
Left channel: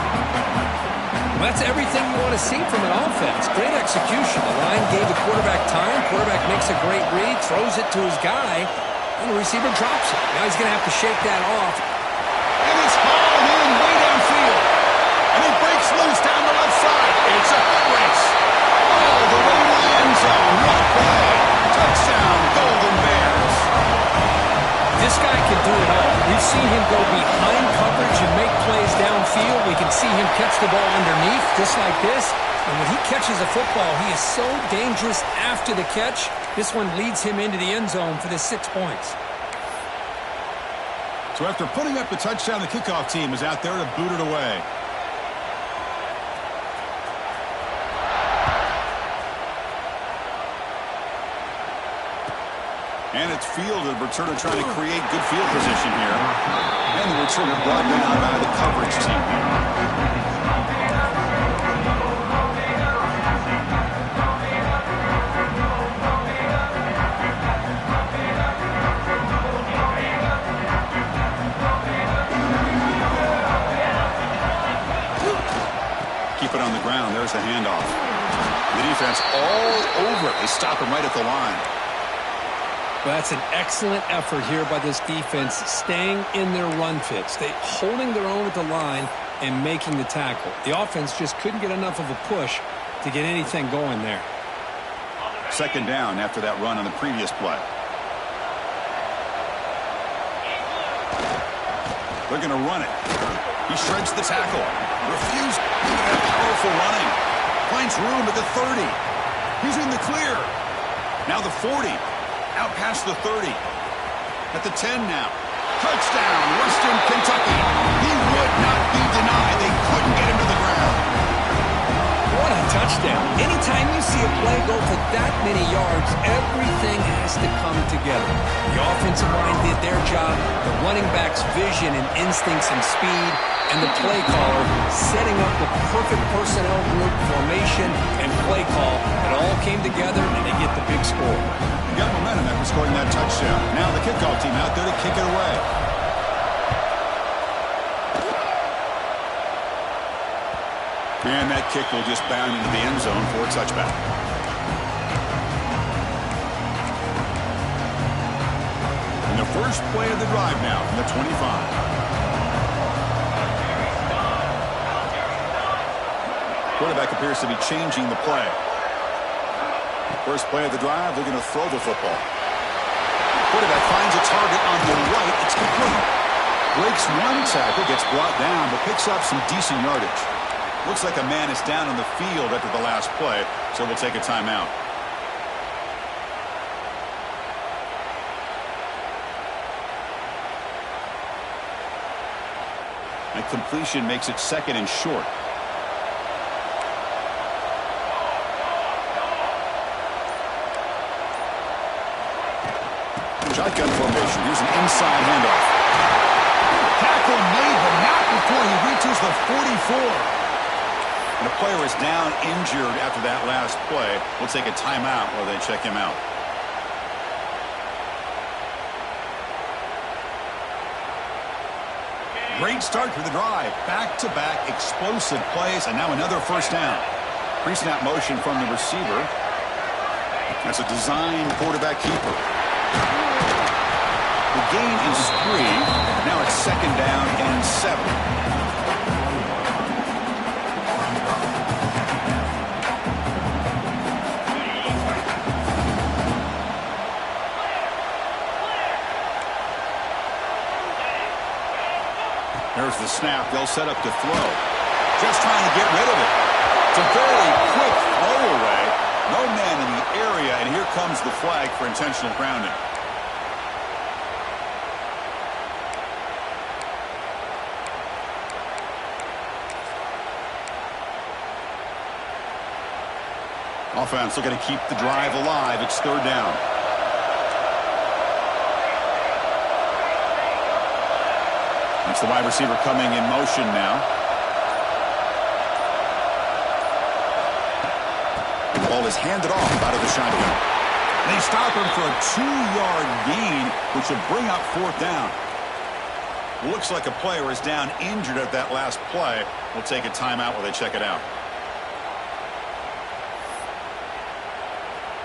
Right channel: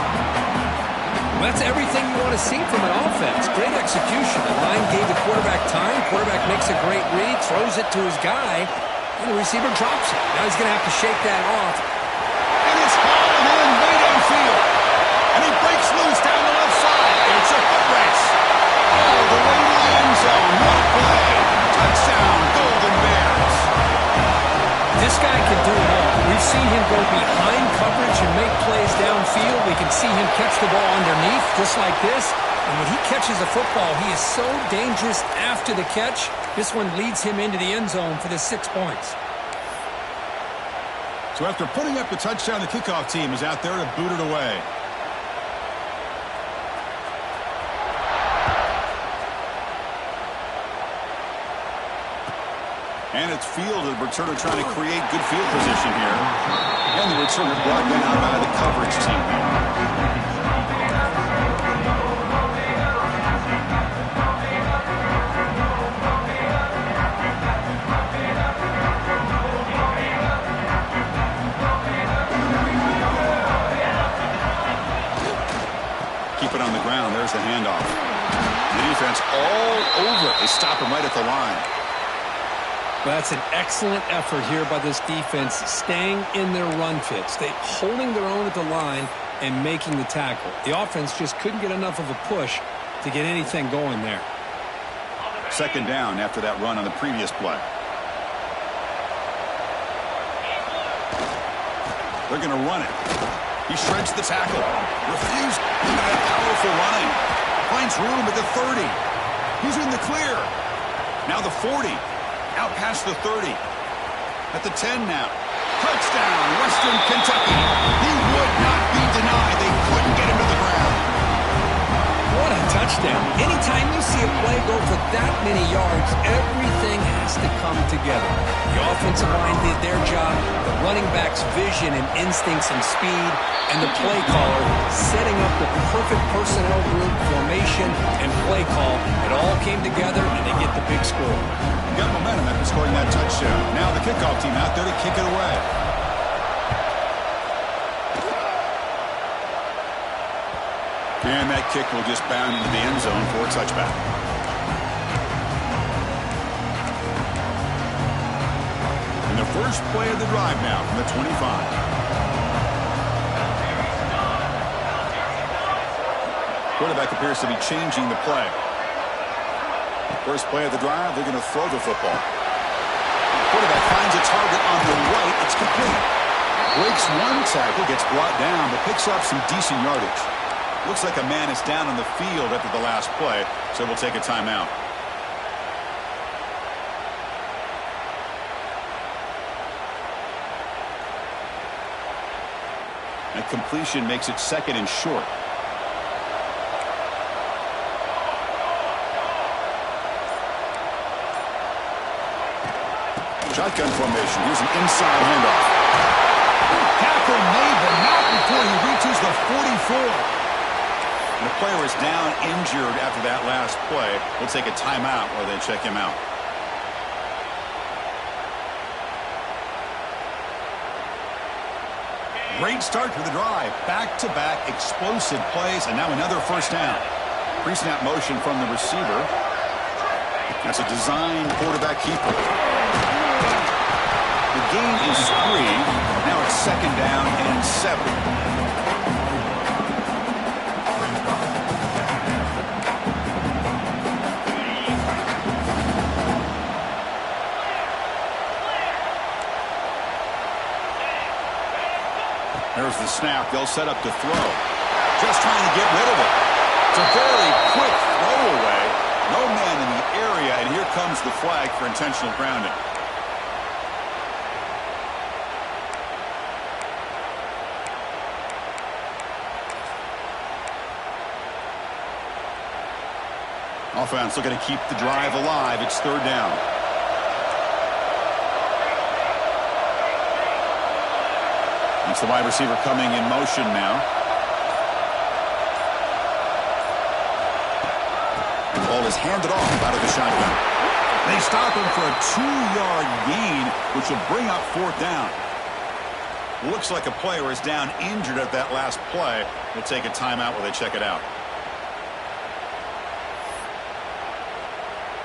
Well, that's everything you want to see from an offense. Great execution. The line gave the quarterback time. Quarterback makes a great read, throws it to his guy, and the receiver drops it. Now he's going to have to shake that off. And it's hauled in way downfield. And he breaks loose down the left side. It's a foot race. Oh, the way to the end zone. What a play. Touchdown, Golden Bears. This guy can do it all. We've seen him go behind coverage and make plays downfield. We can see him catch the ball underneath just like this. And when he catches a football, he is so dangerous after the catch. This one leads him into the end zone for the 6 points. So after putting up the touchdown, the kickoff team is out there to boot it away. And it's fielded. Returner trying to create good field position here. And the returner brought down by the coverage team. Keep it on the ground. There's the handoff. The defense all over it. They stop him right at the line. Well, that's an excellent effort here by this defense, staying in their run fits. They holding their own at the line and making the tackle. The offense just couldn't get enough of a push to get anything going there. 2nd down after that run on the previous play. They're going to run it. He shreds the tackle. Refused. Look at that powerful running. Finds room at the 30. He's in the clear. Now the 40. Out past the 30. At the 10 now. Touchdown, Western Kentucky. He would not be denied. They couldn't get him to the ground. What a touchdown. Anytime you see a play go for that many yards, everything has to come together. The offensive line did their job, the running back's vision and instincts and speed, and the play caller setting up the perfect personnel group, formation, and play call. It all came together, and they get the big score. got momentum after scoring that touchdown. Now the kickoff team out there to kick it away. And that kick will just bound into the end zone for a touchback. And the first play of the drive now from the 25. Quarterback appears to be changing the play. First play of the drive, they're going to throw the football. Quarterback finds a target on the right. It's complete. Breaks one tackle, gets brought down, but picks up some decent yardage. Looks like a man is down on the field after the last play, so we'll take a timeout. That completion makes it 2nd and short. Shotgun formation. Here's an inside handoff. Tackle made, but not before he reaches the 44. And a player is down injured after that last play. We'll take a timeout while they check him out. Great start to the drive. Back-to-back explosive plays, and now another first down. Pre-snap motion from the receiver. That's a design quarterback keeper. The gain is 3. Now it's 2nd down and 7. There's the snap. They'll set up to throw. Just trying to get rid of it. It's a very quick throwaway. No man in the area, and here comes the flag for intentional grounding. Offense looking to keep the drive alive. It's 3rd down. It's the wide receiver coming in motion now. The ball is handed off out of the shotgun. They stop him for a 2-yard gain, which will bring up 4th down. Looks like a player is down injured at that last play. We'll take a timeout while they check it out.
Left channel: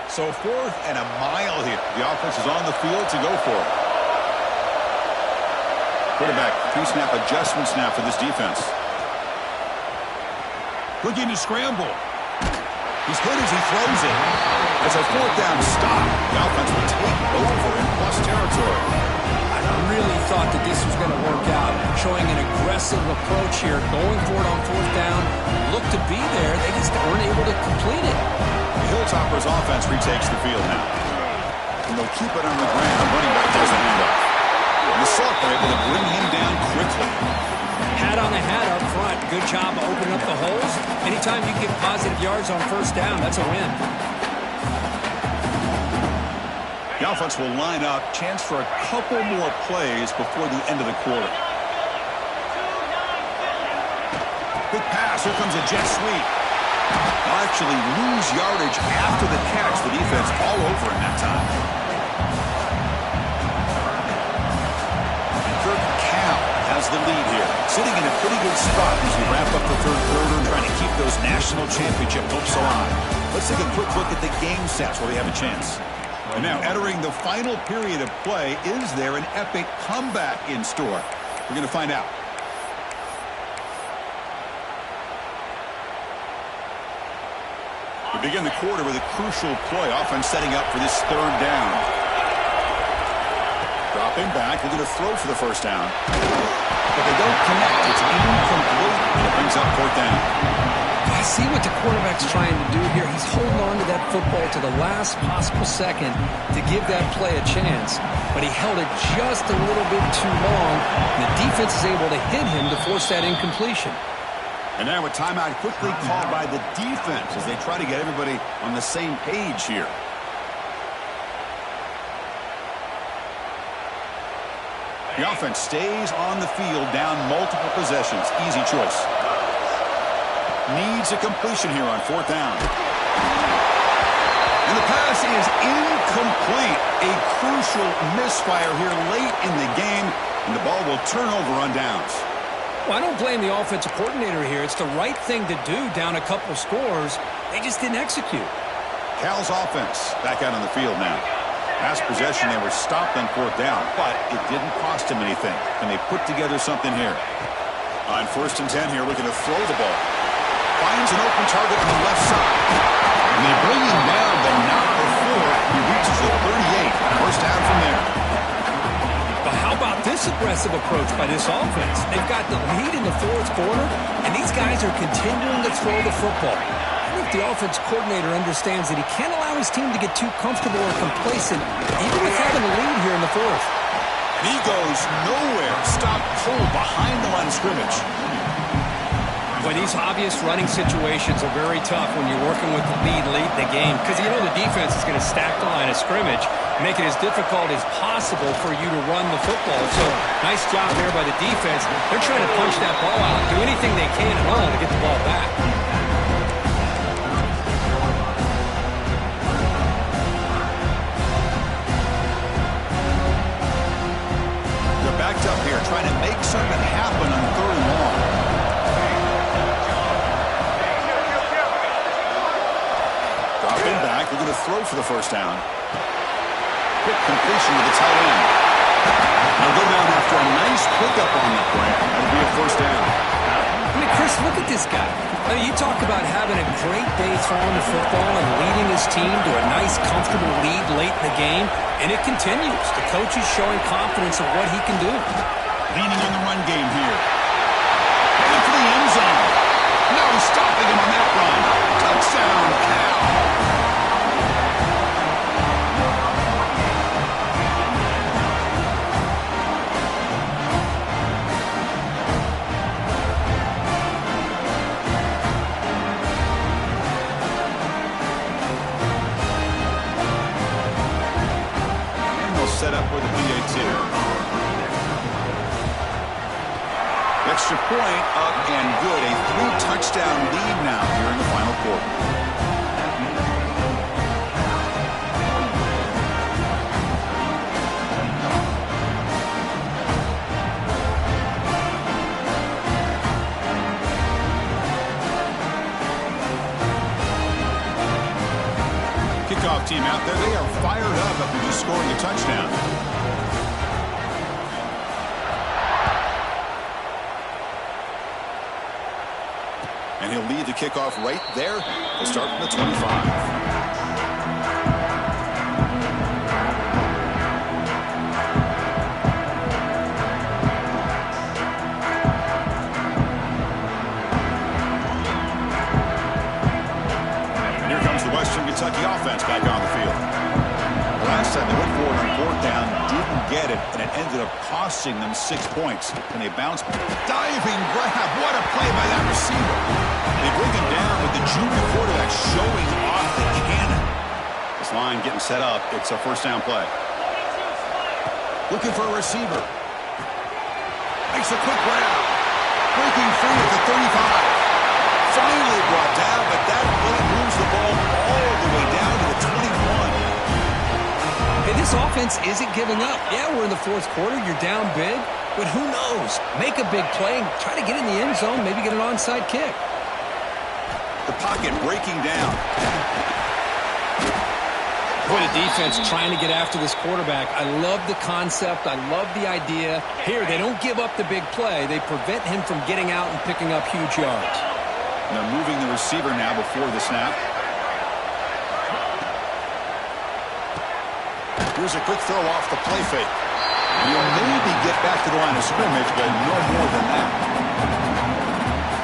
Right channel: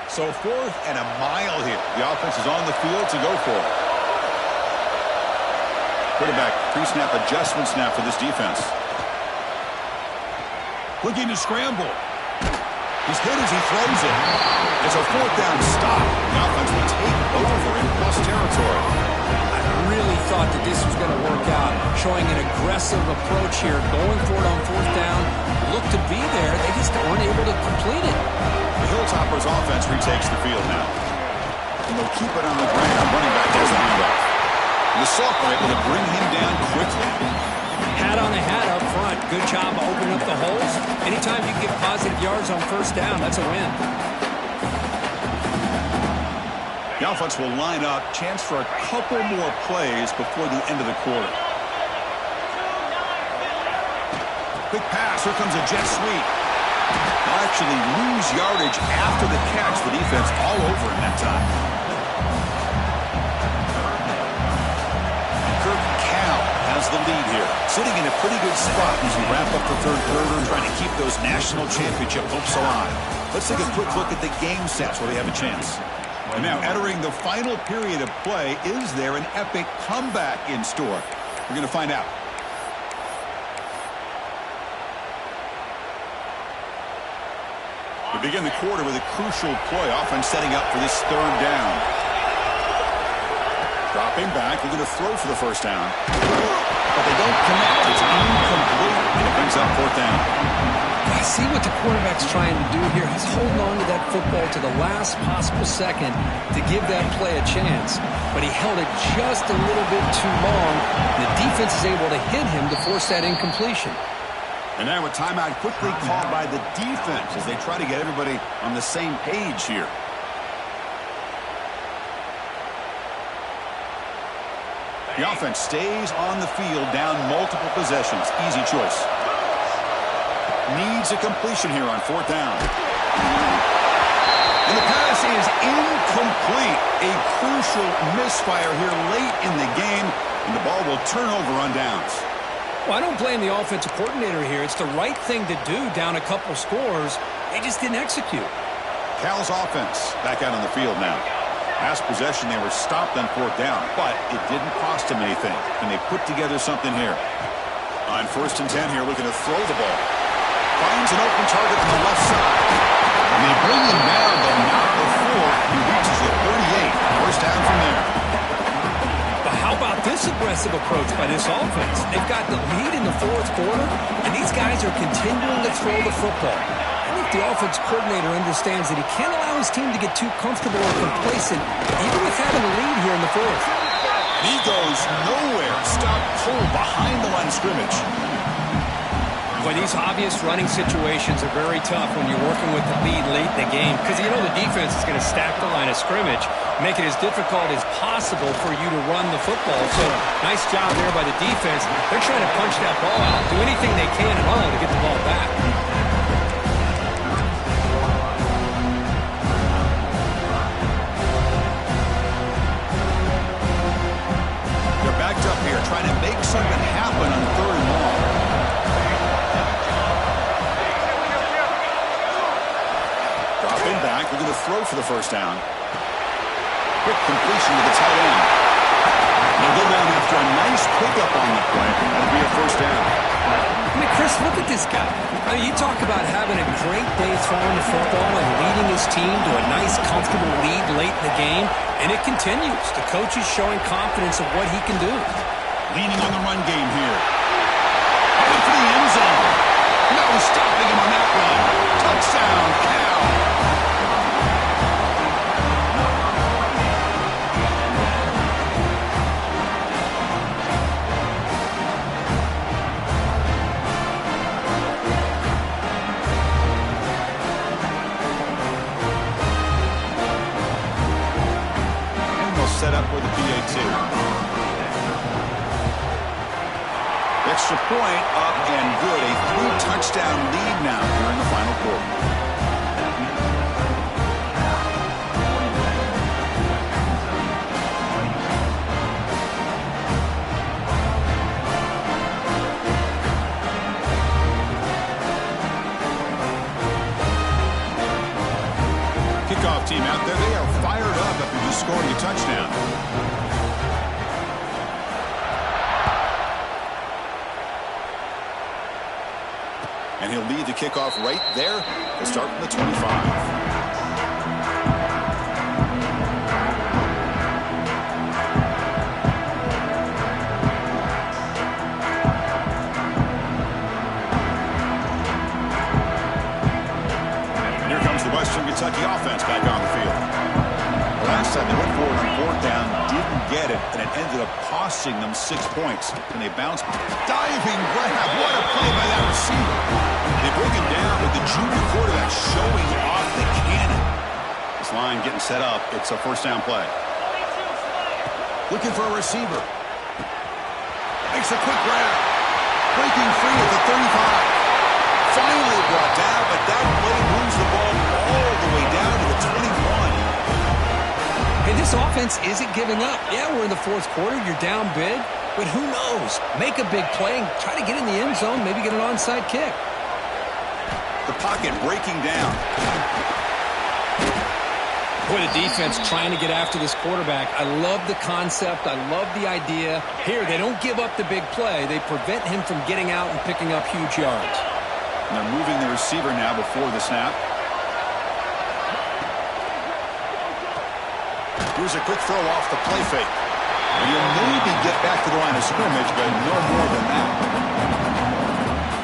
So 4th and a mile here. The offense is on the field to go for it. Quarterback pre-snap adjustment snap for this defense. Looking to scramble. He's hit as he throws it. It's a 4th down stop. The offense will take over in plus territory. I really thought that this was going to work out. Showing an aggressive approach here. Going for it on 4th down. Looked to be there. They just weren't able to complete it. The Hilltoppers offense retakes the field now. And they'll keep it on the ground. Running back does the handoff. The Salk were able to bring him down quickly. Hat on a hat up front. Good job of opening up the holes. Anytime you get positive yards on 1st down, that's a win. The offense will line up. Chance for a couple more plays before the end of the quarter. Quick pass. Here comes a jet sweep. They'll actually lose yardage after the catch. The defense all over in that time. Kirk Cal has the lead here, sitting in a pretty good spot as we wrap up the 3rd quarter, trying to keep those national championship hopes alive. Let's take a quick look at the game stats where we have a chance. And now entering the final period of play, is there an epic comeback in store? We're going to find out. We begin the quarter with a crucial play, offense setting up for this 3rd down. Dropping back, looking to throw for the 1st down. But they don't connect. It's incomplete, and it brings up 4th down. I see what the quarterback's trying to do here. He's holding on to that football to the last possible second to give that play a chance. But he held it just a little bit too long, and the defense is able to hit him to force that incompletion. And now a timeout quickly called by the defense as they try to get everybody on the same page here. The offense stays on the field, down multiple possessions. Easy choice. Needs a completion here on 4th down. And the pass is incomplete. A crucial misfire here late in the game, and the ball will turn over on downs. Well, I don't blame the offensive coordinator here. It's the right thing to do down a couple scores. They just didn't execute. Cal's offense back out on the field now. Last possession, they were stopped on 4th down, but it didn't cost them anything. And they put together something here. On 1st and 10 here, looking to throw the ball. Finds an open target on the left side. And they bring him down, but not before he reaches the 38. First down from there. But how about this aggressive approach by this offense? They've got the lead in the 4th quarter, and these guys are continuing to throw the football. I think the offense coordinator understands that he can't allow his team to get too comfortable or complacent, even with having the lead here in the 4th. And he goes nowhere. Stopped cold behind the line of scrimmage. Boy, these obvious running situations are very tough when you're working with the lead late in the game, because you know the defense is going to stack the line of scrimmage, make it as difficult as possible for you to run the football. So nice job there by the defense. They're trying to punch that ball out, do anything they can at all to get the ball back. They're backed up here, trying to make something happen on 3rd and long. Dropping back, we're going to throw for the first down. Quick completion to the tight end. They'll go down after a nice pickup on the play. That'll be a first down. I mean, Chris, look at this guy. I mean, you talk about having a great day throwing the football and leading his team to a nice, comfortable lead late in the game, and it continues. The coach is showing confidence of what he can do. Leaning on the run game here. Headed for the end zone. No stopping him on that run. Touchdown, Cal. Set up with the PAT. Extra point up and good. A 3-touchdown lead now here in the final quarter. Kickoff team out there. They are fired up after just scoring a touchdown. And he'll lead the kickoff right there. They'll start from the 25. Western Kentucky offense back on the field. The last time they went forward on 4th down, didn't get it, and it ended up costing them 6 points. And they bounced. Diving grab. What a play by that receiver. They bring him down with the junior quarterback showing off the cannon. This line getting set up. It's a first down play. Looking for a receiver. Makes a quick grab. Breaking free at the 35. Finally brought down, but that play moves the ball all the way down to the 21. Hey, this offense isn't giving up. Yeah, we're in the 4th quarter. You're down big, but who knows? Make a big play and try to get in the end zone, maybe get an onside kick. The pocket breaking down. Boy, the defense trying to get after this quarterback. I love the concept. I love the idea. Here, they don't give up the big play. They prevent him from getting out and picking up huge yards. And they're moving the receiver now before the snap. Here's a quick throw off the play fake. And you'll maybe get back to the line of scrimmage, but no more than that.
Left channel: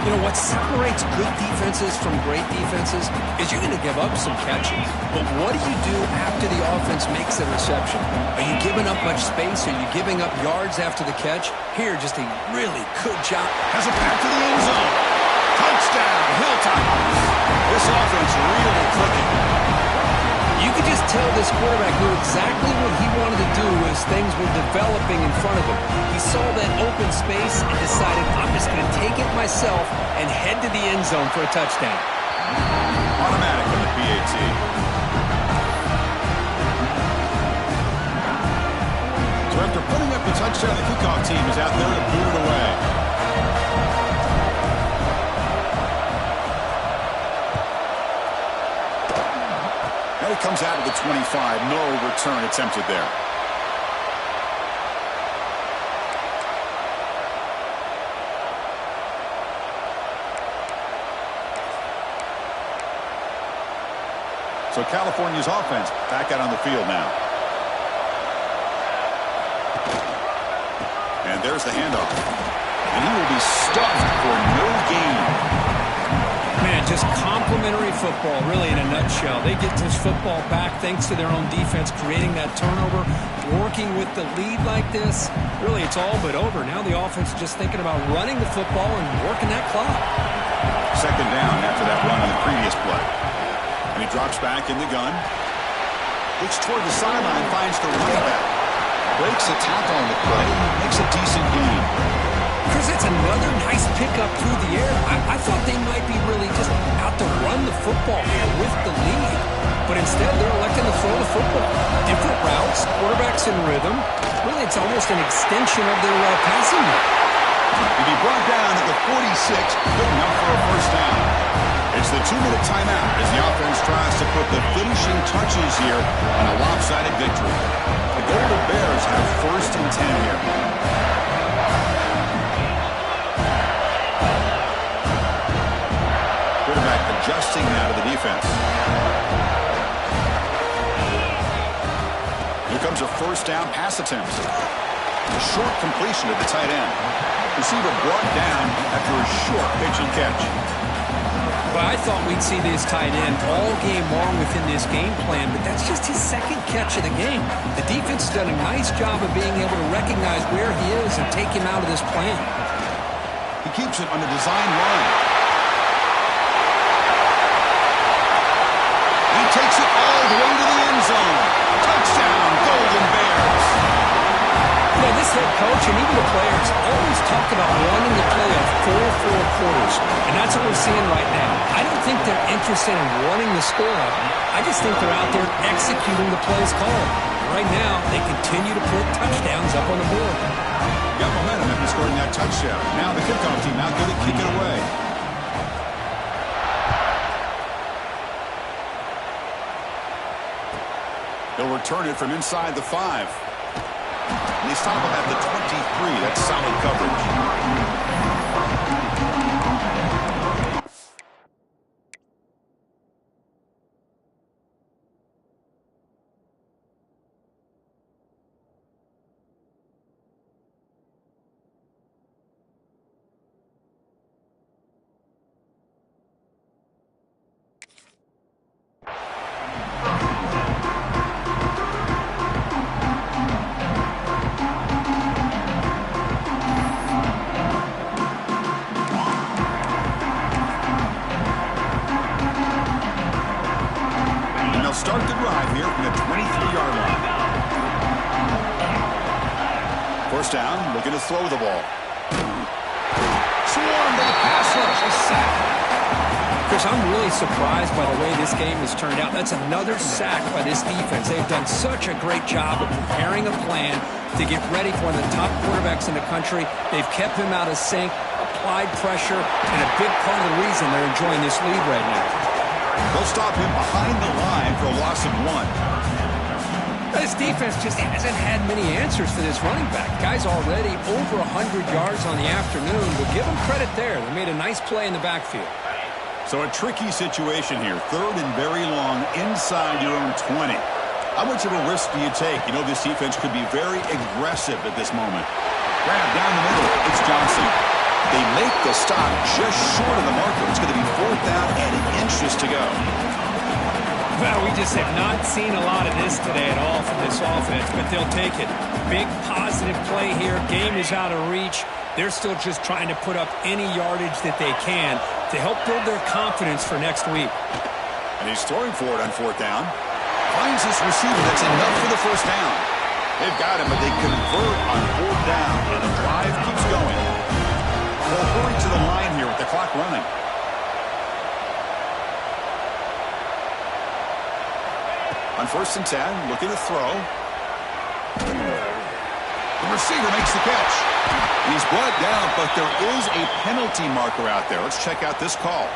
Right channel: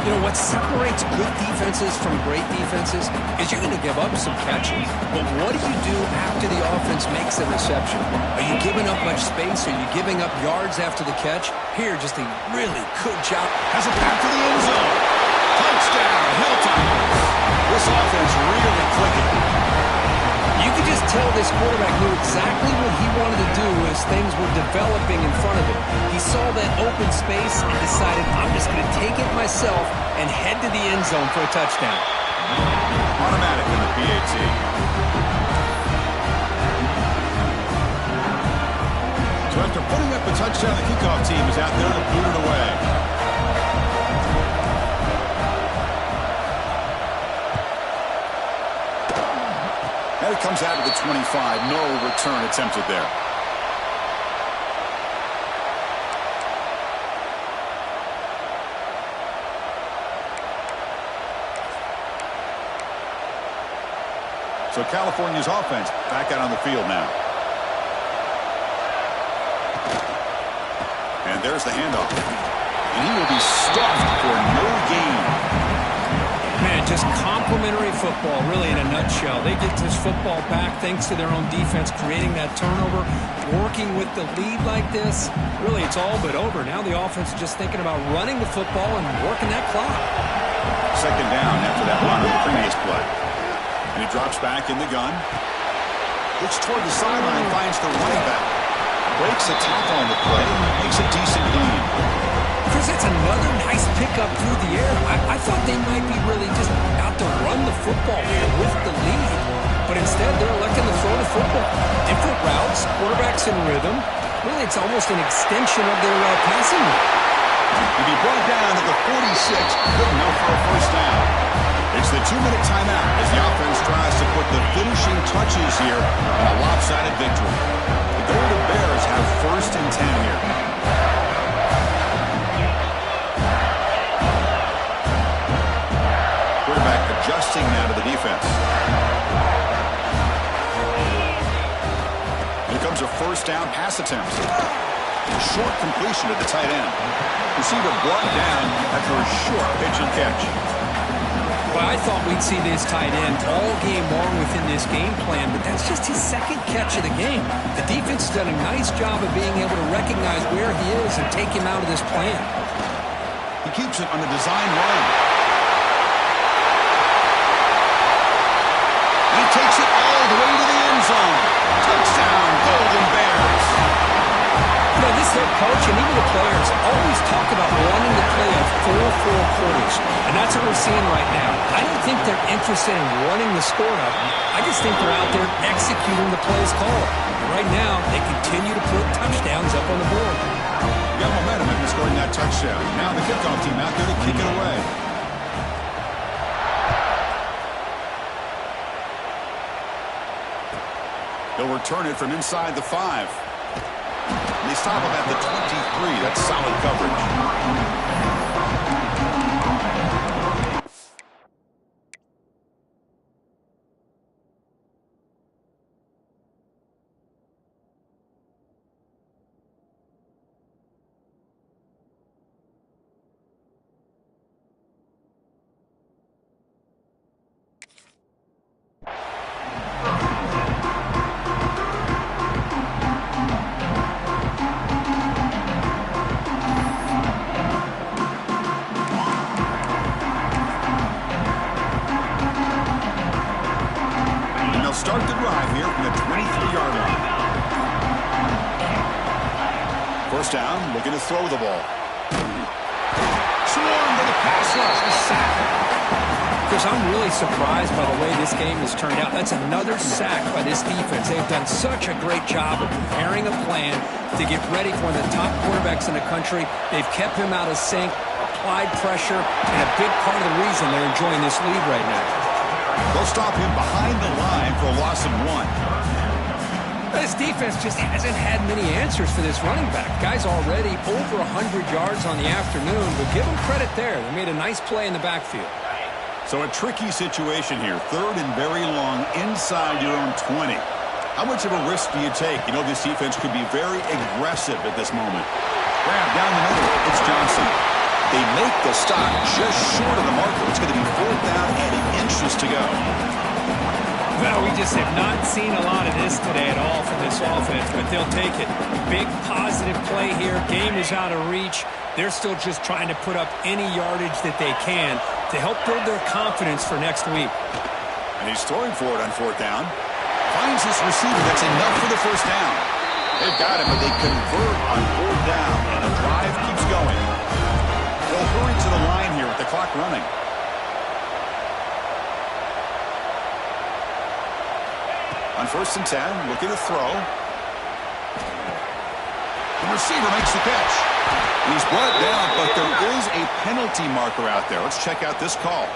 You know, what separates good defenses from great defenses is you're going to give up some catches. But what do you do after the offense makes a reception? Are you giving up much space? Are you giving up yards after the catch? Here, just a really good job. Has it back to the end zone. Touchdown, Hilltoppers. This offense really clicking. You could just tell this quarterback knew exactly what he wanted to do as things were developing in front of him. He saw that open space and decided, I'm just going to take it myself and head to the end zone for a touchdown. Automatic in the PAT. So after putting up a touchdown, the kickoff team is out there to boot it away. And it comes out of the 25. No return attempted there. So California's offense back out on the field now. And there's the handoff. And he will be stuffed for no gain. Man, just complimentary football, really, in a nutshell. They get this football back thanks to their own defense, creating that turnover, working with the lead like this. Really, it's all but over. Now the offense is just thinking about running the football and working that clock. Second down after that run on the previous play. And he drops back in the gun. Looks toward the sideline, finds the running back. Breaks a tackle on the play, makes a decent gain. Chris, that's another nice pickup through the air. I thought they might be really just out to run the football here with the lead. But instead, they're electing to throw the football. Different routes, quarterbacks in rhythm. Really, it's almost an extension of their passing game. He'll be brought down at the 46, good enough for a first down. It's the 2-minute timeout as the offense tries to put the finishing touches here on a lopsided victory. The Golden Bears have first and 10 here. Quarterback adjusting now to the defense. Here comes a first down pass attempt. A short completion to the tight end. Receiver brought down after a short pitch and catch. Well, I thought we'd see this tight end all game long within this game plan, but that's just his second catch of the game. The defense has done a nice job of being able to recognize where he is and take him out of this plan. He keeps it on the design run. He takes it all the way to the end zone. Touchdown, Golden Bears. You know, this head coach and even the players always talk about wanting to play a full 4 quarters, and that's what we're seeing right now. I don't think they're interested in running the score up. I just think they're out there executing the plays called. And right now, they continue to put touchdowns up on the board. You got momentum after scoring that touchdown. Now the kickoff team out there to kick it away. He'll return it from inside the 5. And they stop him at the 23. That's solid coverage. Start the drive here from the 23-yard line. First down, looking to throw the ball. Swarmed by the pass rush, a sack. Chris, I'm really surprised by the way this game has turned out. That's another sack by this defense. They've done such a great job of preparing a plan to get ready for one of the top quarterbacks in the country. They've kept him out of sync, applied pressure, and a big part of the reason they're enjoying this lead right now. They'll stop him behind the line for a loss of 1. This defense just hasn't had many answers for this running back. Guy's already over 100 yards on the afternoon, but give them credit there. They made a nice play in the backfield. So a tricky situation here. Third and very long inside your own 20. How much of a risk do you take? You know this defense could be very aggressive at this moment. Grab down the middle. It's Johnson. They make the stop just short of the marker. It's going to be 4th down and inches to go. Well, we just have not seen a lot of this today at all from this offense, but they'll take it. Big positive play here. Game is out of reach. They're still just trying to put up any yardage that they can to help build their confidence for next week. And he's throwing for it on 4th down. Finds this receiver. That's enough for the first down. They've got him, but they convert on 4th down, and the drive keeps going. They'll hurry to the line here with the clock running. On 1st and 10, looking to throw. The receiver makes the catch. And he's brought down, but there is a penalty marker out there. Let's check out this call.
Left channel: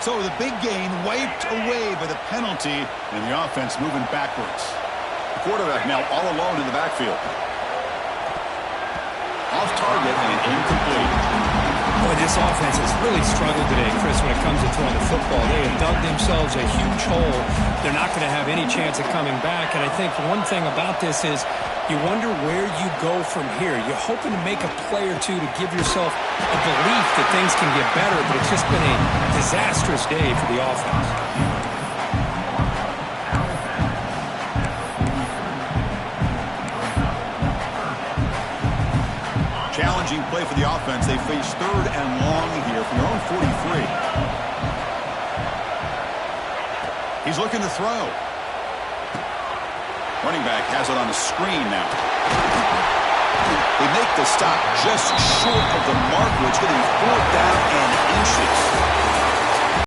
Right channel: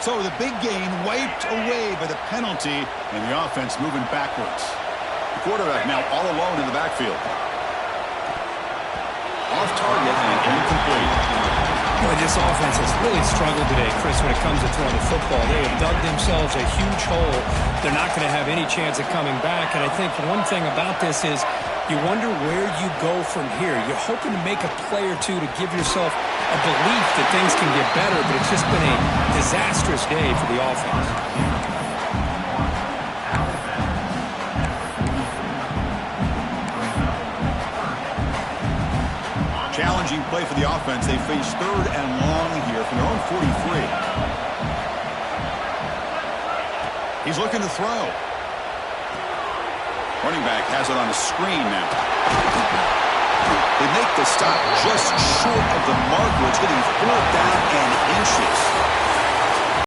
So the big gain wiped away by the penalty, and the offense moving backwards. The quarterback now all alone in the backfield. Off target and incomplete. Boy, this offense has really struggled today, Chris, when it comes to throwing the football. They have dug themselves a huge hole. They're not going to have any chance of coming back. And I think one thing about this is you wonder where you go from here. You're hoping to make a play or two to give yourself a belief that things can get better, but it's just been a disastrous day for the offense. Challenging play for the offense. They face 3rd and long here from their own 43. He's looking to throw. Running back has it on the screen now. They make the stop just short of the marker. It's getting 4th down and inches.